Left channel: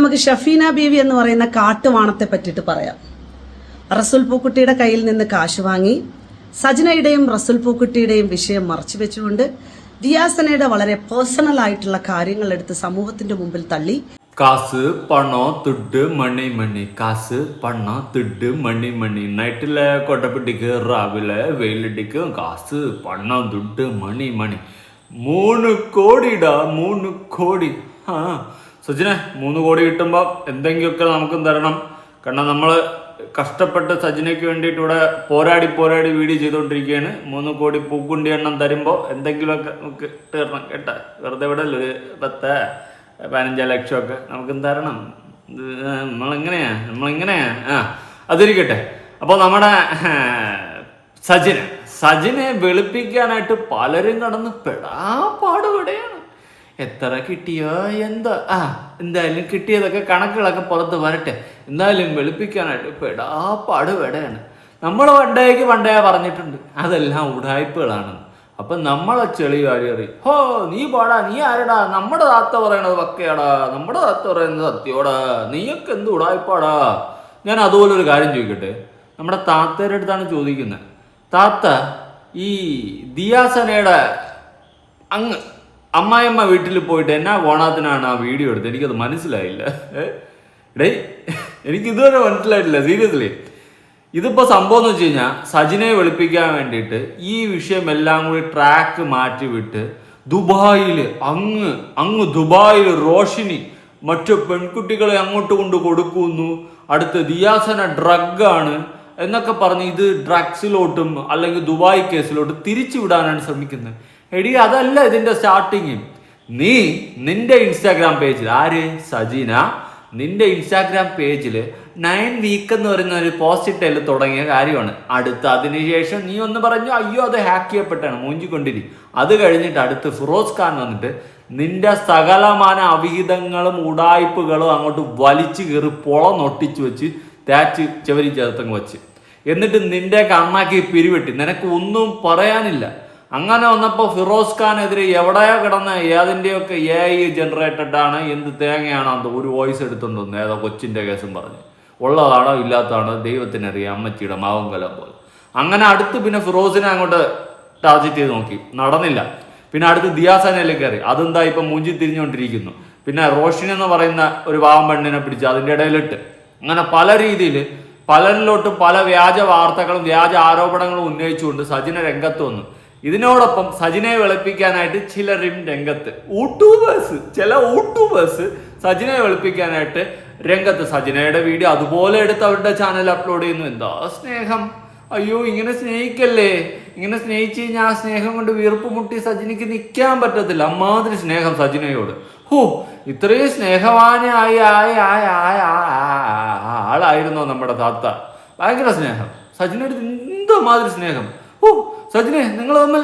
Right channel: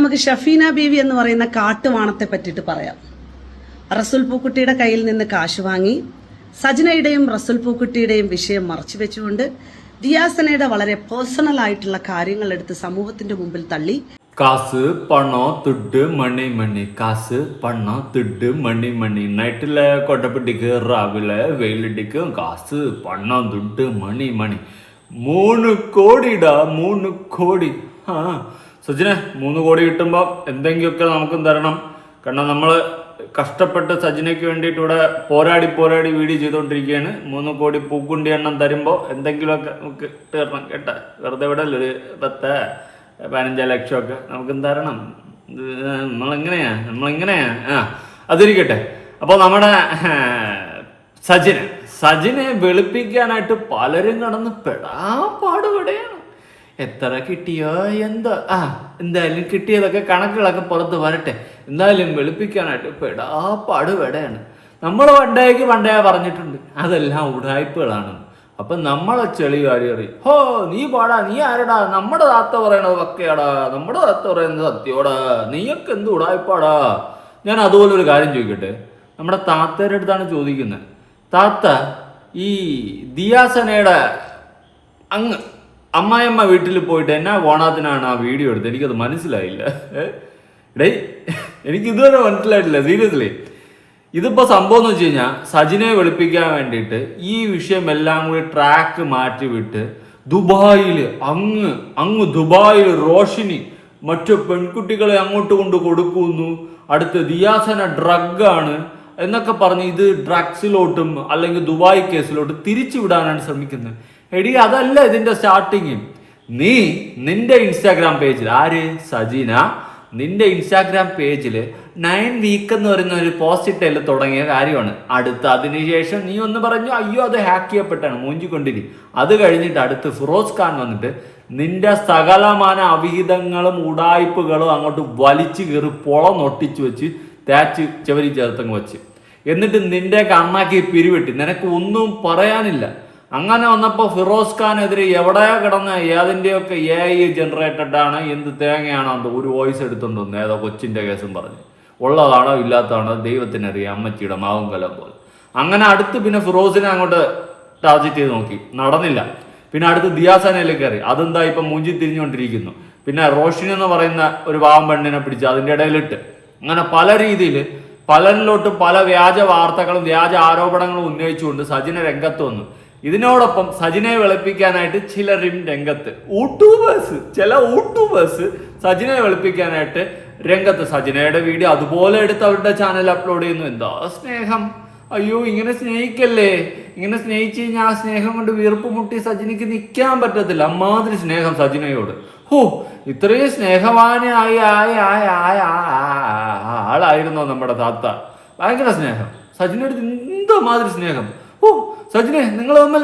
നമുക്ക് ഷഫീന ബീവി എന്ന് പറയുന്ന കാട്ടുവാണത്തെ പറ്റിയിട്ട് പറയാം. റസൂൽ പൂക്കുട്ടിയുടെ കയ്യിൽ നിന്ന് കാശ് വാങ്ങി സജനയുടെയും റസൂൽ പൂക്കുട്ടിയുടെയും വിഷയം മറച്ചു വെച്ചുകൊണ്ട് ദിയാസനയുടെ വളരെ പേഴ്സണൽ ആയിട്ടുള്ള കാര്യങ്ങൾ എടുത്ത് സമൂഹത്തിന്റെ മുമ്പിൽ തള്ളി. காசு பணம் துட்டு மணி மணி காசு பணம் துட்டு மணி மணி நைட்டில் கொட்டைப்பிட்டிக்கு ராவில வெயிலடிக்கும் காசு பணம் துட்டு மணி மணി 3 കോടിടാ 3 കോടി. സജിനെ 3 കോടി കിട്ടുമ്പോൾ എന്തെങ്കിലുമൊക്കെ നമുക്കും തരണം. കാരണം നമ്മൾ കഷ്ടപ്പെട്ട് സജിനയ്ക്ക് വേണ്ടിയിട്ട് ഇവിടെ പോരാടി വീഡിയോ ചെയ്തുകൊണ്ടിരിക്കുകയാണ്. 3 കോടി പൂക്കുണ്ടി എണ്ണം തരുമ്പോൾ എന്തെങ്കിലുമൊക്കെ നമുക്ക് തരണം കേട്ടാ. വെറുതെ ഇവിടെ ഒരു 10-15 ലക്ഷമൊക്കെ നമുക്ക് തരണം. നമ്മളിങ്ങനെയാ അതിരിക്കട്ടെ. അപ്പോൾ നമ്മുടെ സജിനെ വെളുപ്പിക്കാനായിട്ട് പലരും കടന്ന് പാടുപെടുകയാണ്. എത്ര കിട്ടിയോ എന്തോ എന്തായാലും കിട്ടിയതൊക്കെ കണക്കുകളൊക്കെ പുറത്ത് വരട്ടെ. എന്തായാലും വെളുപ്പിക്കാനായിട്ട് പാടുപെടുകയാണ്. നമ്മൾ പണ്ടേ പറഞ്ഞിട്ടുണ്ട് അതെല്ലാം ഉടായ്പകളാണ്. അപ്പം നമ്മളെ ചെളി കാര്യം ഹോ നീ പാടാ, നീ ആരടാ, നമ്മുടെ താത്ത പറയണത് വക്കയാടാ, നമ്മുടെ താത്ത പറയുന്നത് സത്യോടാ, നീയൊക്കെ എന്ത് ഉടായ്പാടാ. ഞാൻ അതുപോലെ ഒരു കാര്യം ചോദിക്കട്ടെ. നമ്മുടെ താത്തയുടെ അടുത്താണ് ചോദിക്കുന്നത്. താത്ത ഈ ദിയാസനയുടെ അങ്ങ് അമ്മായിയമ്മ വീട്ടിൽ പോയിട്ട് എന്നാ കോണാത്തിനാണ് ആ വീഡിയോ എടുത്തത്? എനിക്കത് മനസ്സിലായില്ല. എനിക്കിതുവരെ മനസ്സിലായിട്ടില്ല സീരിയസ്ലി. ഇതിപ്പോൾ സംഭവം എന്ന് വെച്ച് കഴിഞ്ഞാൽ സജിനെ വെളുപ്പിക്കാൻ വേണ്ടിയിട്ട് ഈ വിഷയം എല്ലാം കൂടി ട്രാക്ക് മാറ്റിവിട്ട് ദുബായിൽ അങ്ങ് ദുബായിൽ റോഷിനി മറ്റു പെൺകുട്ടികളെ അങ്ങോട്ട് കൊണ്ട് കൊടുക്കുന്നു. അടുത്ത് ദിയാസന ഡ്രഗാണ് എന്നൊക്കെ പറഞ്ഞ് ഇത് ഡ്രഗ്സിലോട്ടും അല്ലെങ്കിൽ ദുബായ് കേസിലോട്ടും തിരിച്ചു വിടാനാണ് ശ്രമിക്കുന്നത്. എടി അതല്ല ഇതിന്റെ സ്റ്റാർട്ടിങ്. നിന്റെ ഇൻസ്റ്റാഗ്രാം പേജിൽ സജീന നിന്റെ ഇൻസ്റ്റാഗ്രാം പേജിൽ 9 വീക്ക് എന്ന് പറയുന്ന ഒരു പോസ്റ്റിൽ തുടങ്ങിയ കാര്യമാണ്. അതിനുശേഷം നീ ഒന്ന് പറഞ്ഞു അയ്യോ അത് ഹാക്ക് ചെയ്യപ്പെട്ടാണ് മൂഞ്ചിക്കൊണ്ടിരി. അത് കഴിഞ്ഞിട്ട് അടുത്ത് ഫിറോസ് ഖാൻ വന്നിട്ട് നിന്റെ സകലമാന അവിഹിതങ്ങളും ഉടായ്പകളും അങ്ങോട്ട് വലിച്ചു കയറി നൊട്ടിച്ചു വെച്ച് തേച്ച് ചെവരി ചേർത്തങ്ങ് വെച്ച് എന്നിട്ട് നിന്റെ കണ്ണാക്കി പിരിവെട്ടി. നിനക്ക് ഒന്നും പറയാനില്ല. അങ്ങനെ വന്നപ്പോൾ ഫിറോസ് ഖാനെതിരെ എവിടെയോ കിടന്ന ഏതിൻ്റെയൊക്കെ AI ജനറേറ്റഡ് ആണ്, എന്ത് തേങ്ങയാണോ എന്തോ ഒരു വോയിസ് എടുത്തുകൊണ്ടു ഏതോ കൊച്ചിൻ്റെ കേസും പറഞ്ഞ്. ഉള്ളതാണോ ഇല്ലാത്തതാണോ ദൈവത്തിനറിയാം, അമ്മച്ചിയുടെ മാവും കലം പോലെ. അങ്ങനെ അടുത്ത് പിന്നെ ഫിറോസിനെ അങ്ങോട്ട് ടാർഗറ്റ് ചെയ്ത് നോക്കി, നടന്നില്ല. പിന്നെ അടുത്ത് ദിയാസനയിലേക്ക് കയറി. അതെന്താ ഇപ്പം മൂഞ്ചി തിരിഞ്ഞുകൊണ്ടിരിക്കുന്നു. പിന്നെ റോഷിനി എന്ന് പറയുന്ന ഒരു പാവം പെണ്ണിനെ പിടിച്ച് അതിൻ്റെ ഇടയിലിട്ട് അങ്ങനെ പല രീതിയിൽ പലരിലോട്ടും പല വ്യാജ വാർത്തകളും വ്യാജ ആരോപണങ്ങളും ഉന്നയിച്ചുകൊണ്ട് സജിന രംഗത്ത് വന്നു. ഇതിനോടൊപ്പം സജിനെ വെളുപ്പിക്കാനായിട്ട് ചിലരും രംഗത്ത് ചില യൂട്യൂബേഴ്സ് സജിനെ വെളുപ്പിക്കാനായിട്ട് രംഗത്ത്. സജിനയുടെ വീഡിയോ അതുപോലെ എടുത്ത് അവരുടെ ചാനൽ അപ്ലോഡ് ചെയ്യുന്നു. എന്താ സ്നേഹം, അയ്യോ ഇങ്ങനെ സ്നേഹിക്കല്ലേ, ഇങ്ങനെ സ്നേഹിച്ച് കഴിഞ്ഞാൽ ആ സ്നേഹം കൊണ്ട് വീർപ്പ് മുട്ടി സജിനിക്ക് നിൽക്കാൻ പറ്റത്തില്ല. അമ്മാതിരി സ്നേഹം സജിനയോട്. ഇത്രയും സ്നേഹവാനായ ആളായിരുന്നോ നമ്മുടെ താത്ത? ഭയങ്കര സ്നേഹം സജിനയുടെ. എന്തോ മാതിരി സ്നേഹം. സജിനെ നിങ്ങൾ തമ്മിൽ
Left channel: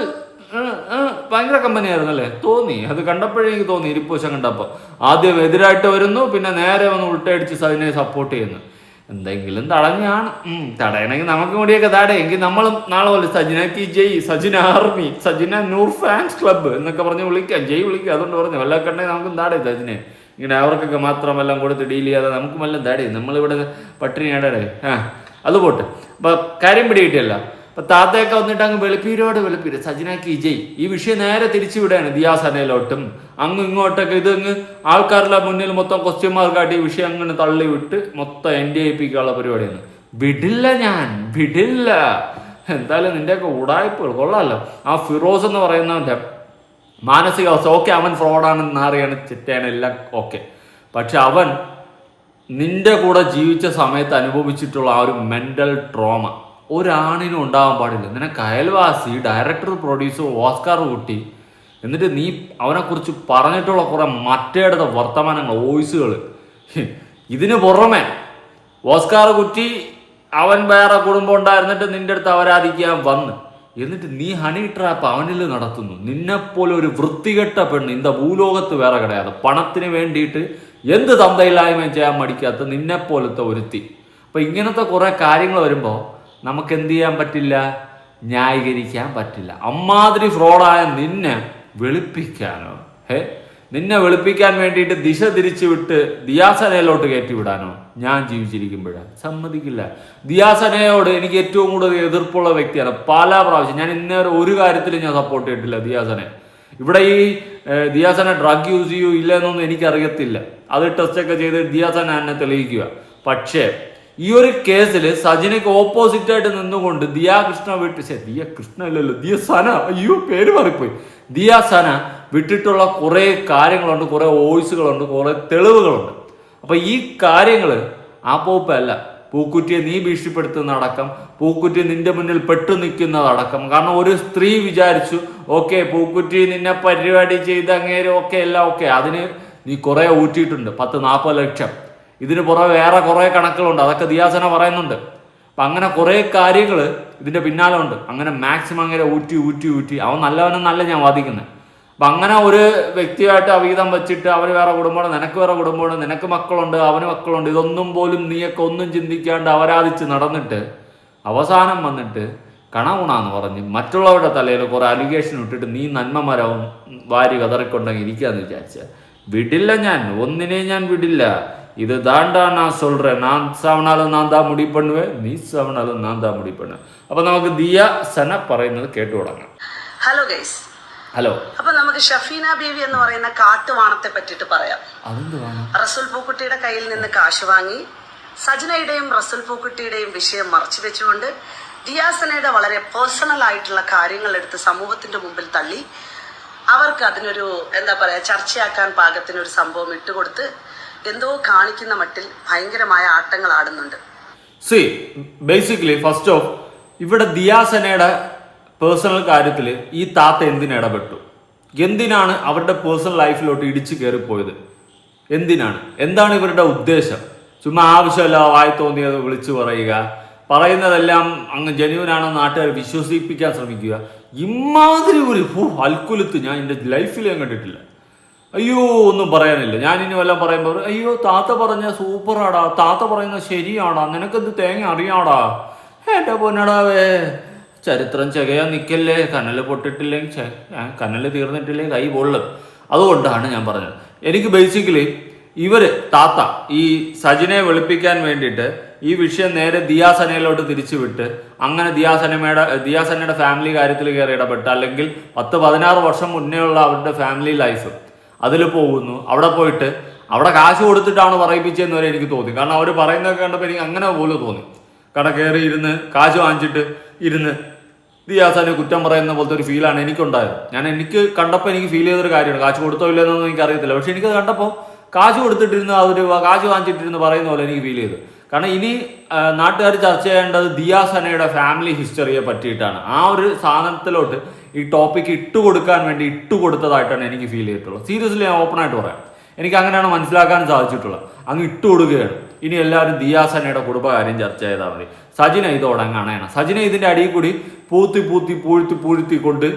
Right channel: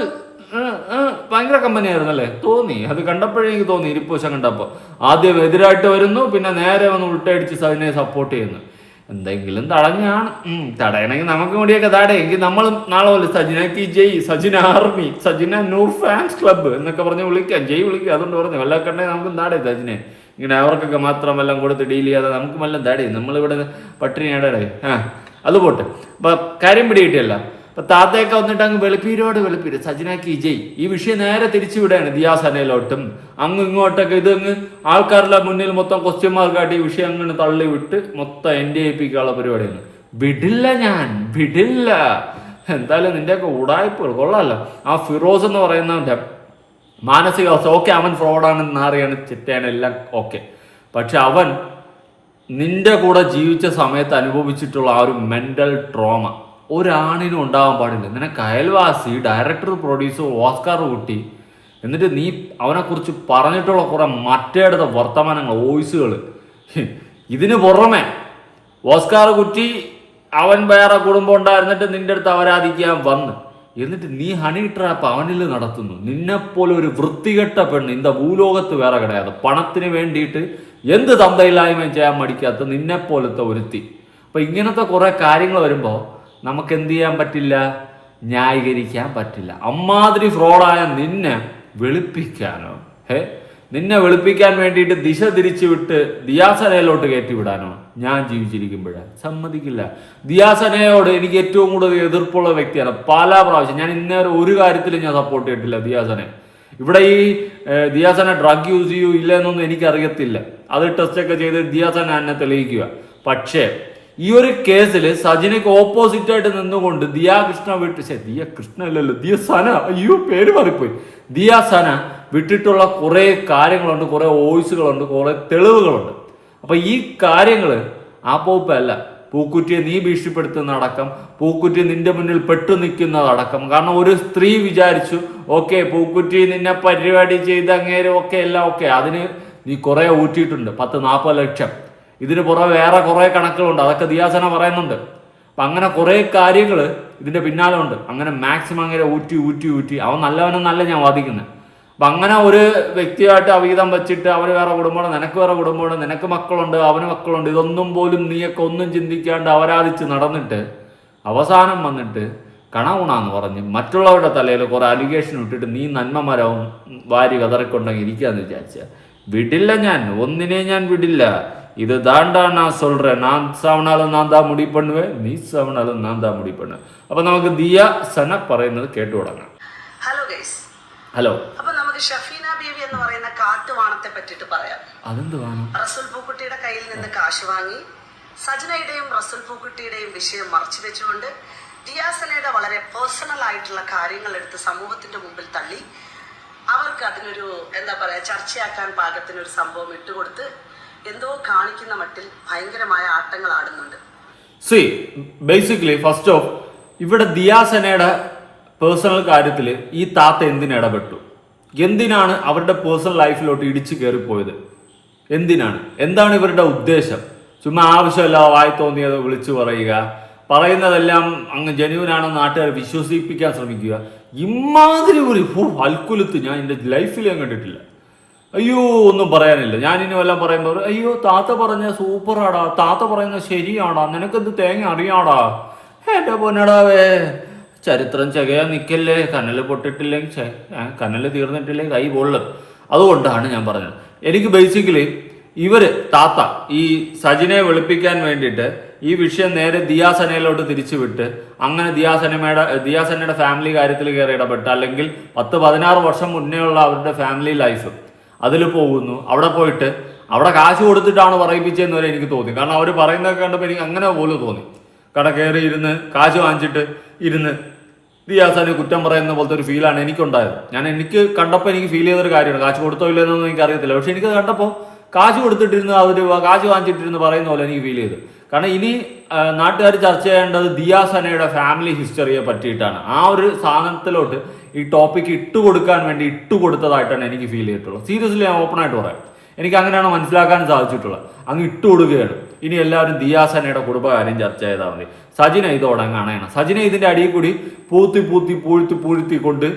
ഭയങ്കര കമ്പനി ആയിരുന്നല്ലേ തോന്നി. അത് കണ്ടപ്പോഴേ എനിക്ക് തോന്നി. ഇരിപ്പൂശം കണ്ടപ്പോൾ ആദ്യം എതിരായിട്ട് വരുന്നു, പിന്നെ നേരെ വന്ന് ഉൾട്ടടിച്ച് സജിനെ സപ്പോർട്ട് ചെയ്യുന്നു. എന്തെങ്കിലും തടയണമെങ്കിൽ നമുക്ക് കൂടിയൊക്കെ തടയെങ്കിൽ നമ്മളും നാളെ പോലെ സജിനക്ക് ജയ്, സജിന ആർമി, സജിന നൂർ ഫാൻസ് ക്ലബ്ബ് എന്നൊക്കെ പറഞ്ഞ് വിളിക്കാം, ജയ് വിളിക്കുക. അതുകൊണ്ട് പറഞ്ഞു വല്ല കണ്ടെങ്കിൽ നമുക്കും താടേ സജിനെ. ഇങ്ങനെ അവർക്കൊക്കെ മാത്രം എല്ലാം കൊടുത്ത് ഡീൽ ചെയ്യാതെ നമുക്കും എല്ലാം താടേ. നമ്മളിവിടെ പട്ടിണി ഇടടേ. അത് പോട്ടെ. അപ്പൊ കാര്യം പിടികിട്ടിയല്ല. അപ്പൊ താത്തയൊക്കെ വന്നിട്ട് അങ്ങ് വെളുപ്പീര് സജിനാക്കി ജയ്. ഈ വിഷയം നേരെ തിരിച്ചു വിടുകയാണ് ദിയാസനയിലോട്ടും ഇങ്ങോട്ടൊക്കെ. ഇതങ്ങ് ആൾക്കാരുടെ മുന്നിൽ മൊത്തം ക്വസ്റ്റ്യൻ മാർക്കായിട്ട് ഈ വിഷയം അങ്ങനെ തള്ളി വിട്ട് മൊത്തം NDAPക്കുള്ള പരിപാടിയാണ്. വിടില്ല. എന്തായാലും നിന്റെയൊക്കെ ഉടായ്പകൾ കൊള്ളാമല്ലോ. ആ ഫിറോസ് എന്ന് പറയുന്നവന്റെ മാനസികാവസ്ഥ ഓക്കെ, അവൻ ഫ്രോഡാണെന്ന് അറിയാണ്, ചിറ്റയാണ്, എല്ലാം ഓക്കെ. പക്ഷെ അവൻ നിന്റെ കൂടെ ജീവിച്ച സമയത്ത് അനുഭവിച്ചിട്ടുള്ള ആ ഒരു മെന്റൽ ട്രോമ ഒരാണിനും ഉണ്ടാവാൻ പാടില്ല. നിനക്ക് അയൽവാസി, ഡയറക്ടർ, പ്രൊഡ്യൂസർ, ഓസ്കാർ കുട്ടി, എന്നിട്ട് നീ അവനെക്കുറിച്ച് പറഞ്ഞിട്ടുള്ള കുറെ മറ്റേടത്തെ വർത്തമാനങ്ങൾ, വോയിസുകൾ. ഇതിന് പുറമെ ഓസ്കാർ കുറ്റി അവൻ വേറെ കുടുംബം ഉണ്ടായിരുന്നിട്ട് നിന്റെ അടുത്ത് അവരാധിക്കാൻ വന്ന് എന്നിട്ട് നീ ഹണി ട്രാപ്പ് അവനിൽ നടത്തുന്നു. നിന്നെപ്പോലെ ഒരു വൃത്തികെട്ട പെണ്ണ് ഇന്ത ഭൂലോകത്ത് വേറെ കിടയാതെ പണത്തിന് വേണ്ടിയിട്ട് എന്ത് തന്തയില്ലായ്മയും ചെയ്യാൻ മടിക്കാത്ത നിന്നെപ്പോലത്തെ ഒരുത്തി. അപ്പം ഇങ്ങനത്തെ കുറേ കാര്യങ്ങൾ വരുമ്പോൾ നമുക്ക് എന്ത് ചെയ്യാൻ പറ്റില്ല? ന്യായീകരിക്കാൻ പറ്റില്ല. അമ്മാതിരി ഫ്രോഡായ നിന്നെ വെളുപ്പിക്കാനോ നിന്നെ വെളുപ്പിക്കാൻ വേണ്ടിയിട്ട് ദിശ തിരിച്ചു വിട്ട് ദിയാസനയിലോട്ട് കയറ്റിവിടാനോ ഞാൻ ജീവിച്ചിരിക്കുമ്പോഴാണ് സമ്മതിക്കില്ല. ദിയാസനയോട് എനിക്ക് ഏറ്റവും കൂടുതൽ എതിർപ്പുള്ള വ്യക്തിയാണ്. പല പ്രാവശ്യം ഞാൻ ഇന്നേറെ ഒരു കാര്യത്തിലും ഞാൻ സപ്പോർട്ട് ചെയ്തിട്ടില്ല ദിയാസനെ. ഇവിടെ ഈ ദിയാസന ഡ്രഗ് യൂസ് ചെയ്യൂ ഇല്ല എന്നൊന്നും എനിക്കറിയത്തില്ല. അത് ടെസ്റ്റൊക്കെ ചെയ്ത് ദിയാസന എന്നെ തെളിയിക്കുക. പക്ഷേ ഈ ഒരു കേസിൽ സജിനയ്ക്ക് ഓപ്പോസിറ്റ് ആയിട്ട് നിന്നുകൊണ്ട് ദിയാകൃഷ്ണ ദിയാകൃഷ്ണ അല്ലല്ലോ ദിയസന, അയ്യോ പേര് മാറിപ്പോയി, ദിയാസന വിട്ടിട്ടുള്ള കുറേ കാര്യങ്ങളുണ്ട്, കുറേ വോയിസുകളുണ്ട്, കുറേ തെളിവുകളുണ്ട്. അപ്പൊ ഈ കാര്യങ്ങള് ആപ്പോപ്പല്ല. പൂക്കുറ്റിയെ നീ ഭീഷണിപ്പെടുത്തുന്നതടക്കം, പൂക്കുറ്റി നിന്റെ മുന്നിൽ പെട്ടു നിൽക്കുന്നതടക്കം. കാരണം ഒരു സ്ത്രീ വിചാരിച്ചു ഓക്കെ പൂക്കുറ്റി നിന്നെ പരിപാടി ചെയ്ത് അങ്ങേരും ഒക്കെ എല്ലാം ഓക്കെ, അതിന് നീ കുറെ ഊറ്റിയിട്ടുണ്ട് 10-40 ലക്ഷം. ഇതിന് പുറമെ വേറെ കുറെ കണക്കുകളുണ്ട്, അതൊക്കെ ദിയാസന പറയുന്നുണ്ട്. അപ്പൊ അങ്ങനെ കുറെ കാര്യങ്ങൾ ഇതിന്റെ പിന്നാലെ ഉണ്ട്. അങ്ങനെ മാക്സിമം അങ്ങനെ ഊറ്റി അവൻ നല്ലവനെന്നല്ല ഞാൻ വാദിക്കുന്നത്. അപ്പൊ അങ്ങനെ ഒരു വ്യക്തിയായിട്ട് അവീതം വെച്ചിട്ട് അവന് വേറെ കുടുംബമാണ്, നിനക്ക് വേറെ കുടുംബമാണ്, നിനക്ക് മക്കളുണ്ട്, അവന് മക്കളുണ്ട്, ഇതൊന്നും പോലും നീയൊക്കെ ഒന്നും ചിന്തിക്കാണ്ട് അപരാധിച്ച് നടന്നിട്ട് അവസാനം വന്നിട്ട് കണകുണാന്ന് പറഞ്ഞ് മറ്റുള്ളവരുടെ തലയിൽ കുറെ അലിഗേഷൻ ഇട്ടിട്ട് നീ നന്മമരവും വാരി കതറിക്കൊണ്ടെങ്കിൽ ഇരിക്കാന്ന് വിചാരിച്ച വിടില്ല. ഞാൻ ഒന്നിനെയും ഞാൻ വിടില്ല. ഇത് தாண்டா நான் சொல்றேன். நான் சாவனாலும் நான் தான் முடிவு பண்ணுவேன், നീ സാവനാലും ഞാൻ தான் முடிவு பண்ணுவேன். അപ്പൊ നമുക്ക് ദിയാസന പറയുന്നത് കേട്ടു തുടങ്ങാം. Hello guys. ഹലോ. അപ്പൊ നമുക്ക് ഷഫീന ബീവി എന്ന് പറയുന്ന കാട്ടുവാണത്തെ പറ്റിയിട്ട് പറയാം. അതെന്ത് വേണം? റസൂൽ പൂക്കുട്ടിയുടെ കയ്യിൽ നിന്ന് കാശ് വാങ്ങി സജനയുടെയും റസൂൽ പൂക്കുട്ടിയുടെയും വിഷയം മറച്ചു വെച്ചുകൊണ്ട് ദിയാസനയുടെ വളരെ പേഴ്സണൽ ആയിട്ടുള്ള കാര്യങ്ങൾ എടുത്ത് സമൂഹത്തിന്റെ മുമ്പിൽ തള്ളി അവർക്ക് അതിനൊരു എന്താ പറയാ ചർച്ചയാക്കാൻ പാകത്തിനൊരു സംഭവം ഇട്ടുകൊടുത്ത് എന്തോ കാണിക്കുന്ന മട്ടിൽ ഭയങ്കരമായ ആട്ടങ്ങൾ ആടുന്നുണ്ട്. സി ബേസിക്കലി ഫസ്റ്റ് ഓഫ് ഇവിടെ ദിയാസനയുടെ പേഴ്സണൽ കാര്യത്തിൽ ഈ താത്ത എന്തിനിടപെട്ടു? എന്തിനാണ് അവരുടെ പേഴ്സണൽ ലൈഫിലോട്ട് ഇടിച്ചു കയറിപ്പോയത്? എന്താണ് ഇവരുടെ ഉദ്ദേശം? ചുമ്മാ ആവശ്യമല്ല വായി തോന്നിയത് വിളിച്ചു പറയുന്നതെല്ലാം അങ്ങ് ജെന്യുവനാണെന്ന് നാട്ടുകാർ വിശ്വസിപ്പിക്കാൻ ശ്രമിക്കുക. ഇമാതിരി ഒരു അൽക്കുലത്ത് ഞാൻ എൻ്റെ ലൈഫിൽ ഞാൻ കണ്ടിട്ടില്ല. അയ്യോ ഒന്നും പറയാനില്ല. ഞാൻ ഇനി വല്ലതും പറയുമ്പോൾ അയ്യോ താത്ത പറഞ്ഞ സൂപ്പറാടാ, താത്ത പറയുന്നത് ശരിയാടാ, നിനക്കെന്ത് തേങ്ങ അറിയാടാ, എൻ്റെ പൊന്നടാവേ ചരിത്രം ചകയാൻ നിൽക്കല്ലേ, കനല് പൊട്ടിട്ടില്ലെങ്കിൽ കനല് തീർന്നിട്ടില്ലേ കൈ പൊള്ളും. അതുകൊണ്ടാണ് ഞാൻ പറഞ്ഞത്. എനിക്ക് ബേസിക്കലി താത്ത ഈ സജിനെ വെളുപ്പിക്കാൻ വേണ്ടിയിട്ട് ഈ വിഷയം നേരെ ദിയാസനയിലോട്ട് തിരിച്ചുവിട്ട് അങ്ങനെ ദിയാസനയുടെ ഫാമിലി കാര്യത്തിൽ കയറി ഇടപെട്ട് അല്ലെങ്കിൽ 10-16 വർഷം മുന്നേ ഉള്ള അവരുടെ ഫാമിലി ലൈഫ് അതിൽ പോകുന്നു. അവിടെ പോയിട്ട് അവിടെ കാശ് കൊടുത്തിട്ടാണ് പറയിപ്പിച്ചതെന്ന് വരെ എനിക്ക് തോന്നി. കാരണം അവർ പറയുന്നതൊക്കെ കണ്ടപ്പോൾ എനിക്ക് അങ്ങനെ പോലും തോന്നി. കട കയറി ഇരുന്ന് കാശ് വാങ്ങിച്ചിട്ട് ഇരുന്ന് ദിയാസനെ കുറ്റം പറയുന്ന പോലത്തെ ഒരു ഫീലാണ് എനിക്കുണ്ടായത്. എനിക്ക് കണ്ടപ്പോൾ എനിക്ക് ഫീൽ ചെയ്തൊരു കാര്യമാണ്. കാശ് കൊടുത്തോ ഇല്ലെന്നൊന്നും എനിക്ക് അറിയത്തില്ല. പക്ഷെ എനിക്കത് കണ്ടപ്പോൾ കാശ് കൊടുത്തിട്ടിരുന്ന് കാശ് വാങ്ങിച്ചിട്ടിരുന്ന് പറയുന്ന പോലെ എനിക്ക് ഫീൽ ചെയ്തു. കാരണം ഇനി നാട്ടുകാർ ചർച്ച ചെയ്യേണ്ടത് ദിയാസനയുടെ ഫാമിലി ഹിസ്റ്ററിയെ പറ്റിയിട്ടാണ്. ആ ഒരു സാധനത്തിലോട്ട് ഈ ടോപ്പിക്ക് ഇട്ടുകൊടുക്കാൻ വേണ്ടി ഇട്ടുകൊടുത്തതായിട്ടാണ് എനിക്ക് ഫീൽ ചെയ്തിട്ടുള്ളത്. സീരിയസ്ലി ഞാൻ ഓപ്പൺ ആയിട്ട് പറയാം. എനിക്ക് അങ്ങനെയാണ് മനസ്സിലാക്കാൻ സാധിച്ചിട്ടുള്ളത്. അങ്ങ് ഇട്ടുകൊടുക്കുകയാണ്. ഇനി എല്ലാവരും ദിയാസനയുടെ കുടുംബകാര്യം ചർച്ച ചെയ്താൽ മതി. സജിന ഇതോടെ അങ്ങ് അണയണം. സജിന ഇതിന്റെ അടിയിൽ കൂടി പൂഴ്ത്തി കൊണ്ട്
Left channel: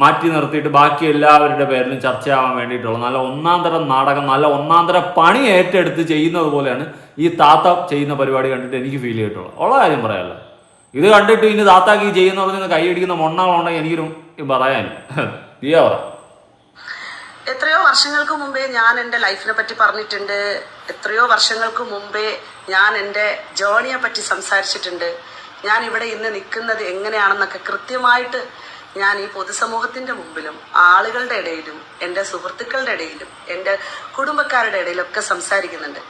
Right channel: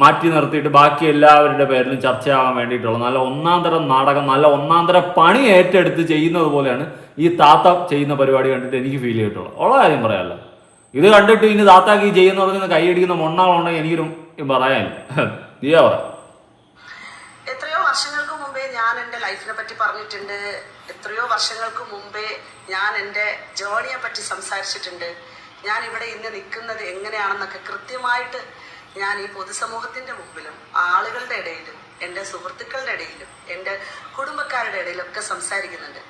മാറ്റി നിർത്തിയിട്ട് ബാക്കി എല്ലാവരുടെ പേരിലും ചർച്ചയാവാൻ വേണ്ടിയിട്ടുള്ള നല്ല ഒന്നാന്തരം നാടകം, നല്ല ഒന്നാന്തരം പണി ഏറ്റെടുത്ത് ചെയ്യുന്നത് പോലെയാണ് ഈ താത്ത ചെയ്യുന്ന പരിപാടി കണ്ടിട്ട് എനിക്ക് ഫീൽ ചെയ്തിട്ടുള്ളത്. ഉള്ള കാര്യം പറയാമല്ലോ. ഇത് കണ്ടിട്ട് ഇനി താത്താക്ക് ഈ ചെയ്യുന്ന പറഞ്ഞ് കൈയടിക്കുന്ന മൊണ്ണകളുണ്ടെങ്കിൽ എനിക്കൊരു പറയാനില്ല. ദിയാ പറ. എത്രയോ വർഷങ്ങൾക്ക് മുമ്പേ ഞാൻ എൻ്റെ ലൈഫിനെ പറ്റി പറഞ്ഞിട്ടുണ്ട്. എത്രയോ വർഷങ്ങൾക്ക് മുമ്പേ ഞാൻ എൻ്റെ ജേണിയെ പറ്റി സംസാരിച്ചിട്ടുണ്ട്. ഞാൻ ഇവിടെ ഇന്ന് നിൽക്കുന്നത് എങ്ങനെയാണെന്നൊക്കെ കൃത്യമായിട്ട് ഞാൻ ഈ പൊതുസമൂഹത്തിന്റെ മുമ്പിലും ആളുകളുടെ ഇടയിലും എൻ്റെ സുഹൃത്തുക്കളുടെ ഇടയിലും എൻ്റെ കുടുംബക്കാരുടെ ഇടയിലൊക്കെ സംസാരിക്കുന്നുണ്ട്.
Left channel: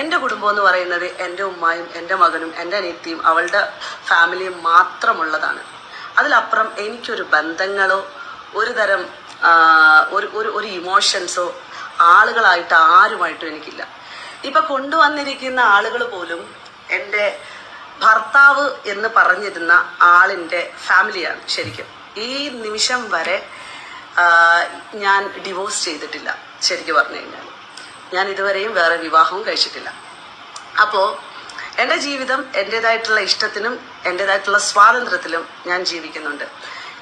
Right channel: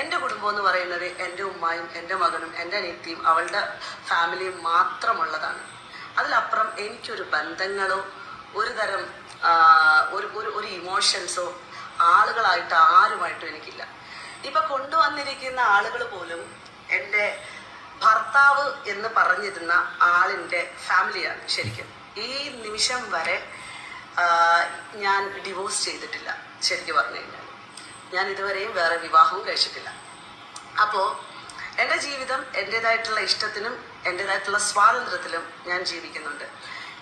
എൻ്റെ കുടുംബം എന്ന് പറയുന്നത് എൻ്റെ ഉമ്മായും എൻ്റെ മകനും എൻ്റെ അനിയത്തിയും അവളുടെ ഫാമിലിയും മാത്രമുള്ളതാണ്. അതിലപ്പുറം എനിക്കൊരു ബന്ധങ്ങളോ ഒരു തരം ഒരു ഇമോഷൻസോ ആളുകളായിട്ട് ആരുമായിട്ടും എനിക്കില്ല. ഇപ്പൊ കൊണ്ടുവന്നിരിക്കുന്ന ആളുകൾ പോലും എൻ്റെ ഭർത്താവ് എന്ന് പറഞ്ഞിരുന്ന ആളിൻ്റെ ഫാമിലിയാണ്. ശരിക്കും ഈ നിമിഷം വരെ ഞാൻ ഡിവോഴ്സ് ചെയ്തിട്ടില്ല. ശരിക്കും പറഞ്ഞു കഴിഞ്ഞാൽ ഞാൻ ഇതുവരെയും വേറെ വിവാഹവും കഴിച്ചിട്ടില്ല. അപ്പോൾ എൻ്റെ ജീവിതം എൻ്റെതായിട്ടുള്ള ഇഷ്ടത്തിനും എൻ്റെതായിട്ടുള്ള സ്വാതന്ത്ര്യത്തിലും ഞാൻ ജീവിക്കുന്നുണ്ട്.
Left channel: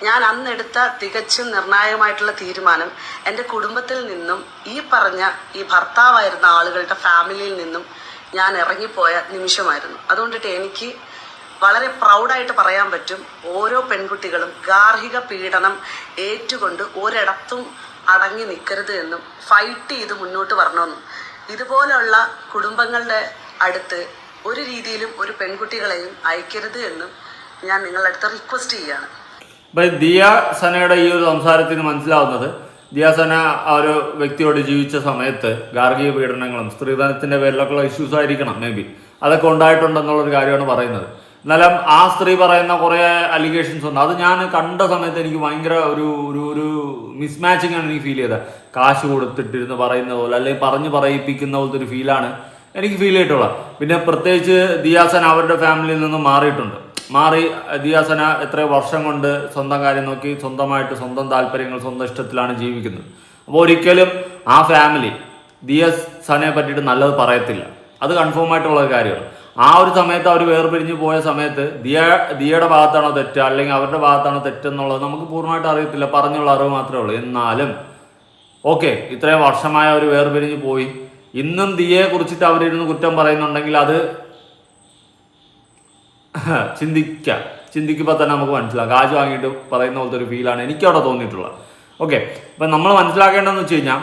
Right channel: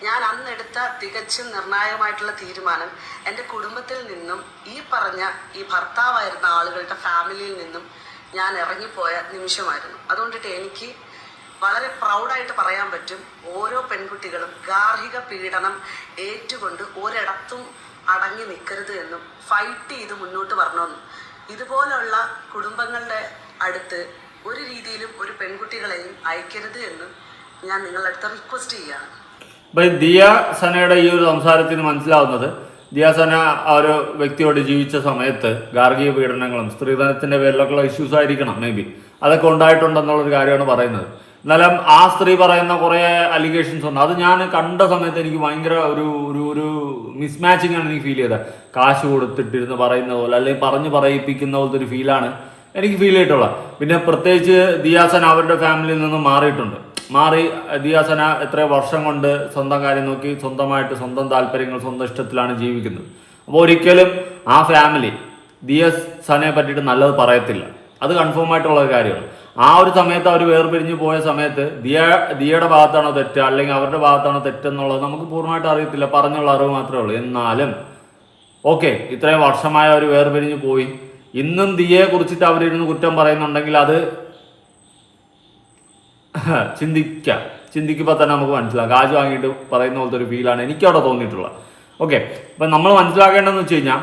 ഞാൻ അന്നെടുത്ത തികച്ചും നിർണായകമായിട്ടുള്ള തീരുമാനം എൻ്റെ കുടുംബത്തിൽ നിന്നും ഈ ഭർത്താവായിരുന്ന ആളുകളുടെ ഫാമിലിയിൽ നിന്നും ഞാൻ ഇറങ്ങിപ്പോയ നിമിഷമായിരുന്നു. അതുകൊണ്ടിട്ട് എനിക്ക് വളരെ പ്രൗഡായിട്ട് പറയാൻ പറ്റും, ഓരോ പെൺകുട്ടികളും ഗാർഹിക പീഡനം ഏറ്റുകൊണ്ട് ഒരിടത്തും അടങ്ങി നിൽക്കരുത് എന്നും ഫൈറ്റ് ചെയ്ത് മുന്നോട്ട് വരണമെന്നും ഇതുപോലുള്ള കുടുംബങ്ങളുടെ അടുത്ത് ഒരു രീതിയിലും ഒരു പെൺകുട്ടികളെയും അയക്കരുത് എന്നും ഞാൻ നിങ്ങളുടെ അടുത്ത് റിക്വസ്റ്റ് ചെയ്യാണ്. ദിയ സനയുടെ ഈ ഒരു സംസാരത്തിൽ നിന്ന് മനസ്സിലാവുന്നത്, ദിയ സന ആ ഒരു വ്യക്തിയോട് ജീവിച്ച സമയത്ത് ഗാർഹിക പീഡനങ്ങളും സ്ത്രീധനത്തിന്റെ പേരിലൊക്കെയുള്ള ഇഷ്യൂസ് ആയിരിക്കണം മേ ബി, അതൊക്കെ ഉണ്ടായിട്ടുണ്ടെന്നുള്ളൊരു കാര്യമാണ് പറയുന്നത്. എന്നാലും ആ സ്ത്രീ പറയുന്ന കുറേ അലിഗേഷൻസ് ഉണ്ട്. അത് ഞാൻ കണ്ട സമയത്ത് എനിക്ക് ഭയങ്കര ഒരു ഒരു ഒരു മിസ്മാച്ചിങ് ആണ് എനിക്ക് ഫീൽ ചെയ്തത്. കാശ് കൊടുത്തിട്ടിരുന്ന് പറയുന്ന പോലെ അല്ലെങ്കിൽ പറഞ്ഞ് പറയിപ്പിക്കുന്ന പോലത്തെ ഒരു ഫീലാണ് എനിക്ക് ഫീൽ ചെയ്തിട്ടുള്ളത്. പിന്നെ പ്രത്യേകിച്ച് ദിയാസന അവരുടെ ഫാമിലിയിൽ നിന്നും മാറി ദിയാസന എത്രയോ വർഷം കൊണ്ട് സ്വന്തം കാര്യം നോക്കി സ്വന്തമായിട്ട് സ്വന്തം താല്പര്യങ്ങൾ സ്വന്തം ഇഷ്ടത്തിലാണ് ജീവിക്കുന്നത്. അപ്പോൾ ഒരിക്കലും ആ ഫാമിലി ദിയാസനയെ പറ്റിയിട്ട് നല്ലത് പറയത്തില്ല, അത് കൺഫേം ആയിട്ടുള്ള ഒരു കാര്യമാണ്. ആ ഒരു സമയത്ത് അവർ വേർപിരിഞ്ഞ് പോയ സമയത്ത് ദിയയുടെ ഭാഗത്താണോ തെറ്റ് അല്ലെങ്കിൽ അവരുടെ ഭാഗത്താണോ തെറ്റെന്നുള്ളത് നമുക്ക് പൂർണ്ണമായിട്ട് അറിയത്തില്ല, പറഞ്ഞുള്ള അറിവ് മാത്രമേ ഉള്ളൂ. എന്നാലും ഓക്കെ, ഇത്രയും വർഷമായ അവർ വേർപിരിഞ്ഞ് പോയി, ഇന്നും ദിയയെ കുറിച്ചിട്ട് അവരിരുന്ന് കുറ്റം പറയുന്നുണ്ടെങ്കിൽ അത് ചിന്തിക്കുമ്പോൾ തന്നെ നമുക്ക് മനസ്സിലാക്കാം. കാശ് വാങ്ങിയിട്ട് പറയുന്ന പോലത്തെ ഒരു ഫീലാണ് എനിക്കവിടെ തോന്നിയിട്ടുള്ളത്. ഓക്കെ, അപ്പം നമ്മൾ മനസ്സിലാക്കേണ്ടതെന്ന് വെച്ച് കഴിഞ്ഞാൽ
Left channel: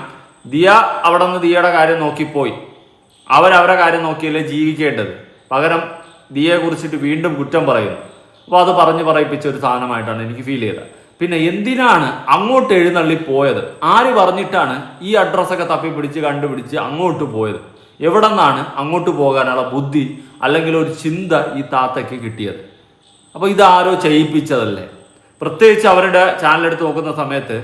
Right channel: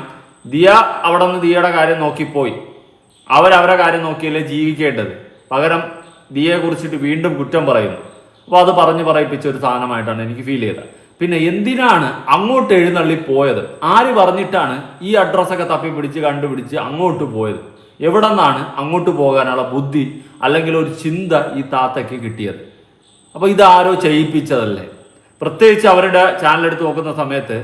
ദിയ അവിടെ നിന്ന് ദിയയുടെ കാര്യം നോക്കിപ്പോയി, അവരവരുടെ കാര്യം നോക്കിയല്ലേ ജീവിക്കേണ്ടത്. പകരം ദിയയെ കുറിച്ചിട്ട് വീണ്ടും കുറ്റം പറയുന്നു. അപ്പോൾ അത് പറയിപ്പിച്ച ഒരു സാധനമായിട്ടാണ് എനിക്ക് ഫീൽ ചെയ്തത്. പിന്നെ എന്തിനാണ് അങ്ങോട്ട് എഴുന്നള്ളി പോയത്? ആര് പറഞ്ഞിട്ടാണ് ഈ അഡ്രസ്സൊക്കെ തപ്പിപ്പിടിച്ച് കണ്ടുപിടിച്ച് അങ്ങോട്ട് പോയത്? എവിടെ നിന്നാണ് അങ്ങോട്ട് പോകാനുള്ള ബുദ്ധി അല്ലെങ്കിൽ ഒരു ചിന്ത ഈ താത്തയ്ക്ക് കിട്ടിയത്? അപ്പോൾ ഇതാരോ ചെയ്യിപ്പിച്ചതല്ലേ? പ്രത്യേകിച്ച് അവരുടെ ചാനലെടുത്ത് നോക്കുന്ന സമയത്ത്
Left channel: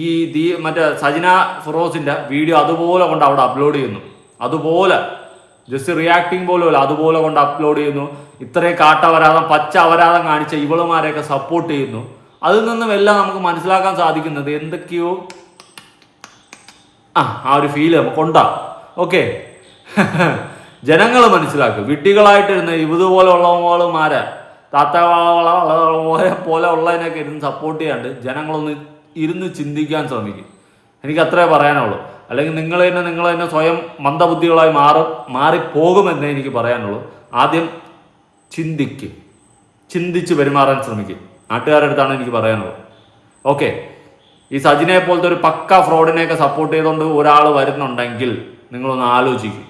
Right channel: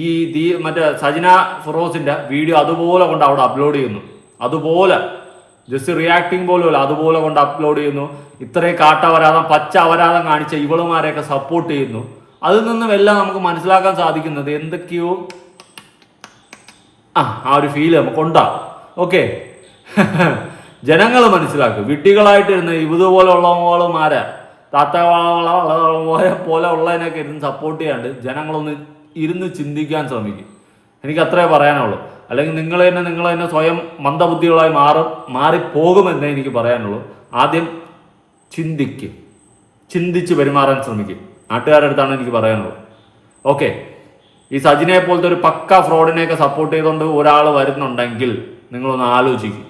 ഈ മറ്റേ സജിന ഫിറോസിന്റെ വീഡിയോ അതുപോലെ കൊണ്ട് അവിടെ അപ്ലോഡ് ചെയ്യുന്നു. അതുപോലെ ജസ്റ്റ് റിയാക്ടിങ് പോലും അതുപോലെ കൊണ്ട് അപ്ലോഡ് ചെയ്യുന്നു. ഇത്രയും കാട്ടവരാതം പച്ച അപരാധം കാണിച്ച ഇവളുമാരെയൊക്കെ സപ്പോർട്ട് ചെയ്യുന്നു. അതിൽ നിന്നും എല്ലാം നമുക്ക് മനസ്സിലാക്കാൻ സാധിക്കുന്നത് എന്തൊക്കെയോ ആ ഒരു ഫീല് നമുക്കുണ്ടാവും. ഓക്കെ, ജനങ്ങൾ മനസ്സിലാക്കും. വിഡ്ഢികളായിട്ടിരുന്ന് ഇതുപോലെയുള്ളവളുമാരെ താത്തകളെ പോലെ ഉള്ളതിനൊക്കെ ഇരുന്ന് സപ്പോർട്ട് ചെയ്യാണ്ട് ജനങ്ങളൊന്ന് ഇരുന്ന് ചിന്തിക്കാൻ ശ്രമിക്കും. എനിക്ക് അത്രേ പറയാനുള്ളൂ. അല്ലെങ്കിൽ നിങ്ങൾ തന്നെ സ്വയം മന്ദബുദ്ധികളായി മാറിപ്പോകുമെന്നേ എനിക്ക് പറയാനുള്ളൂ. ആദ്യം ചിന്തിച്ച് പെരുമാറാൻ ശ്രമിക്കും. നാട്ടുകാരുടെ അടുത്താണ് എനിക്ക് പറയാനുള്ളത്. ഓക്കെ, ഈ സജിനെ പോലത്തെ ഒരു പക്ക ഫ്രോഡിനെയൊക്കെ സപ്പോർട്ട് ചെയ്തുകൊണ്ട് ഒരാൾ വരുന്നുണ്ടെങ്കിൽ നിങ്ങളൊന്ന് ആലോചിക്കും.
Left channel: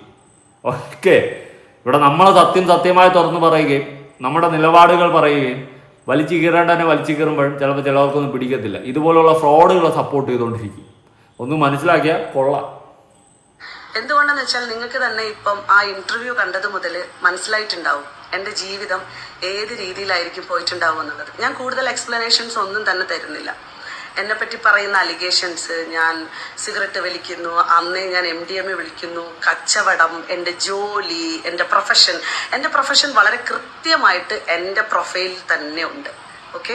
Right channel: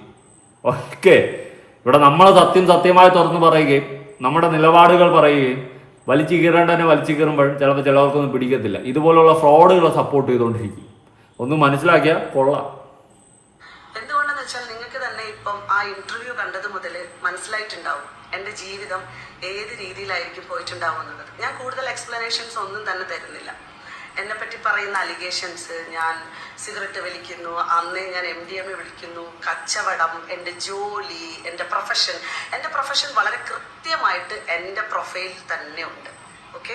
ഓക്കെ, ഇവിടെ നമ്മൾ സത്യമായി തുറന്നു പറയുകയും നമ്മുടെ നിലപാടുകൾ പറയുകയും വലിച്ചു കീറുമ്പോൾ ചിലപ്പോൾ ചിലവർക്കൊന്നും പിടിക്കത്തില്ല. ഇതുപോലുള്ള ഫ്രോഡുകളെ സപ്പോർട്ട് ചെയ്തുകൊണ്ടിരിക്കും. ഒന്ന് മനസ്സിലാക്കിയാൽ കൊള്ളാം. എന്തുകൊണ്ടെന്ന് വെച്ചാൽ നിങ്ങൾക്ക് തന്നെ ഇപ്പം ആ ഇന്റർവ്യൂ കണ്ടത് മുതൽ മനസ്സിലായിട്ടുണ്ടാവും എൻ്റെ ജീവിതം ഏത് രീതിയിലായിരിക്കും പോയിട്ടുണ്ടാവും എന്നുള്ളത്. ഞാൻ കൂടുതൽ എക്സ്പ്ലനേഷൻസ് ഒന്നും തന്നെ തരുന്നില്ല. എന്നെപ്പറ്റി പറയുന്ന അലിഗേഷൻസ്, ഞാൻ സിഗരറ്റ് വലിക്കുന്നു, അന്നേ ഞാൻ MDMA വിളിക്കുന്നു, കച്ചവടം, എൻ്റെ ജോലി, എൻ്റെ പ്രൊഫഷൻ വളരെ കൃത്യമായിട്ട് എൻ്റെ പ്രൊഫൈലിൽ തന്നെ ഉണ്ട്. ഓക്കെ,